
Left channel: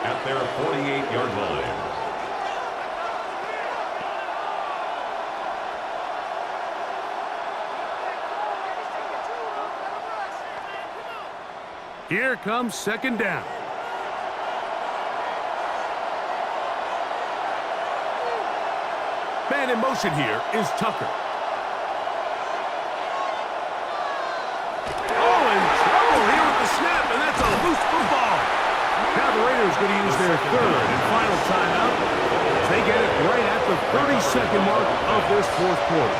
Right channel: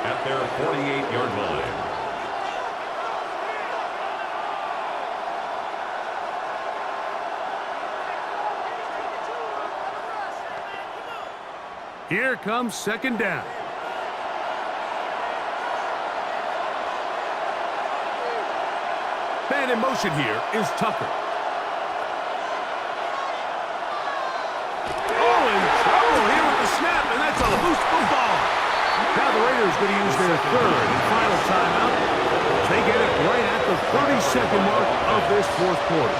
at their 48-yard line. Here comes 2nd down. Man in motion here is Tucker. Oh, in trouble here with the snap, and that's a loose football. Now the Raiders going to use their third and final timeout. They get it right at the 30-second mark of this fourth quarter.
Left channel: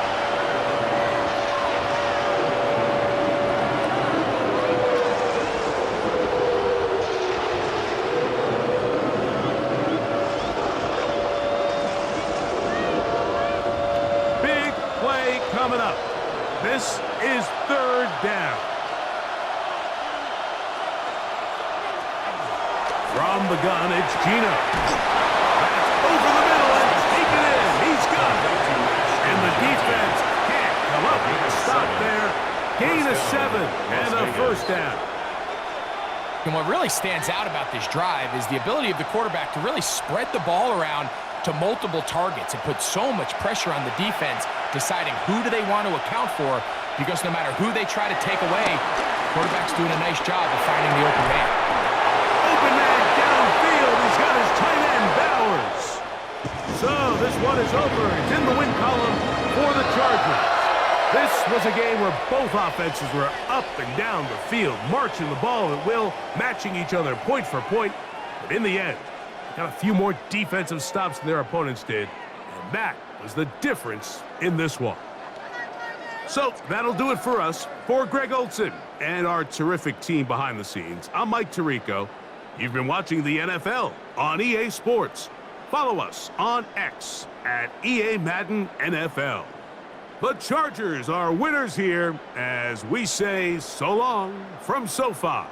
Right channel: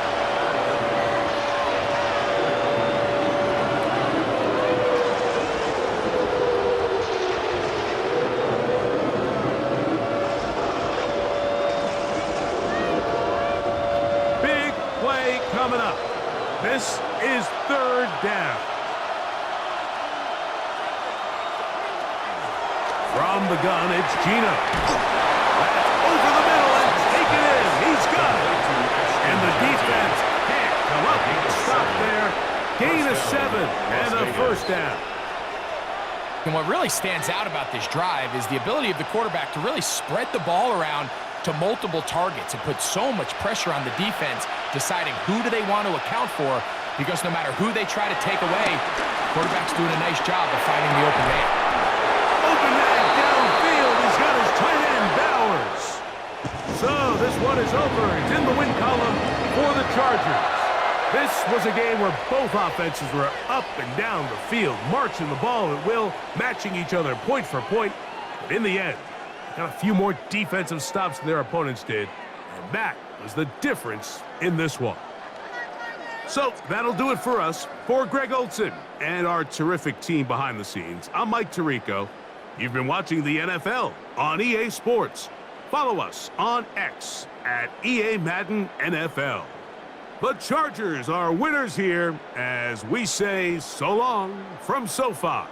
Big play coming up. This is third down. From the gun, it's Gino. That's over the middle and taken in. He's got it. And the defense can't come up with a stop there. Gain of 7 and a first down. And what really stands out about this drive is the ability of the quarterback to really spread the ball around to multiple targets and put so much pressure on the defense, deciding who do they want to account for, because no matter who they try to take away, the quarterback's doing a nice job of finding the open man. Open man downfield. He's got his tight end, Bowers. So this one is over. It's in the win column for the Chargers. This was a game where both offenses were up and down the field, marching the ball at will, matching each other point for point. But in the end, they got a few more defensive stops than their opponents did, and that was the difference in this one. So that'll do it for us. For Greg Olson and our terrific team behind the scenes, I'm Mike Tirico. You've been watching the NFL on EA Sports. Follow us on X at EA Madden NFL. The Chargers are winners here as we say so long from SoFi.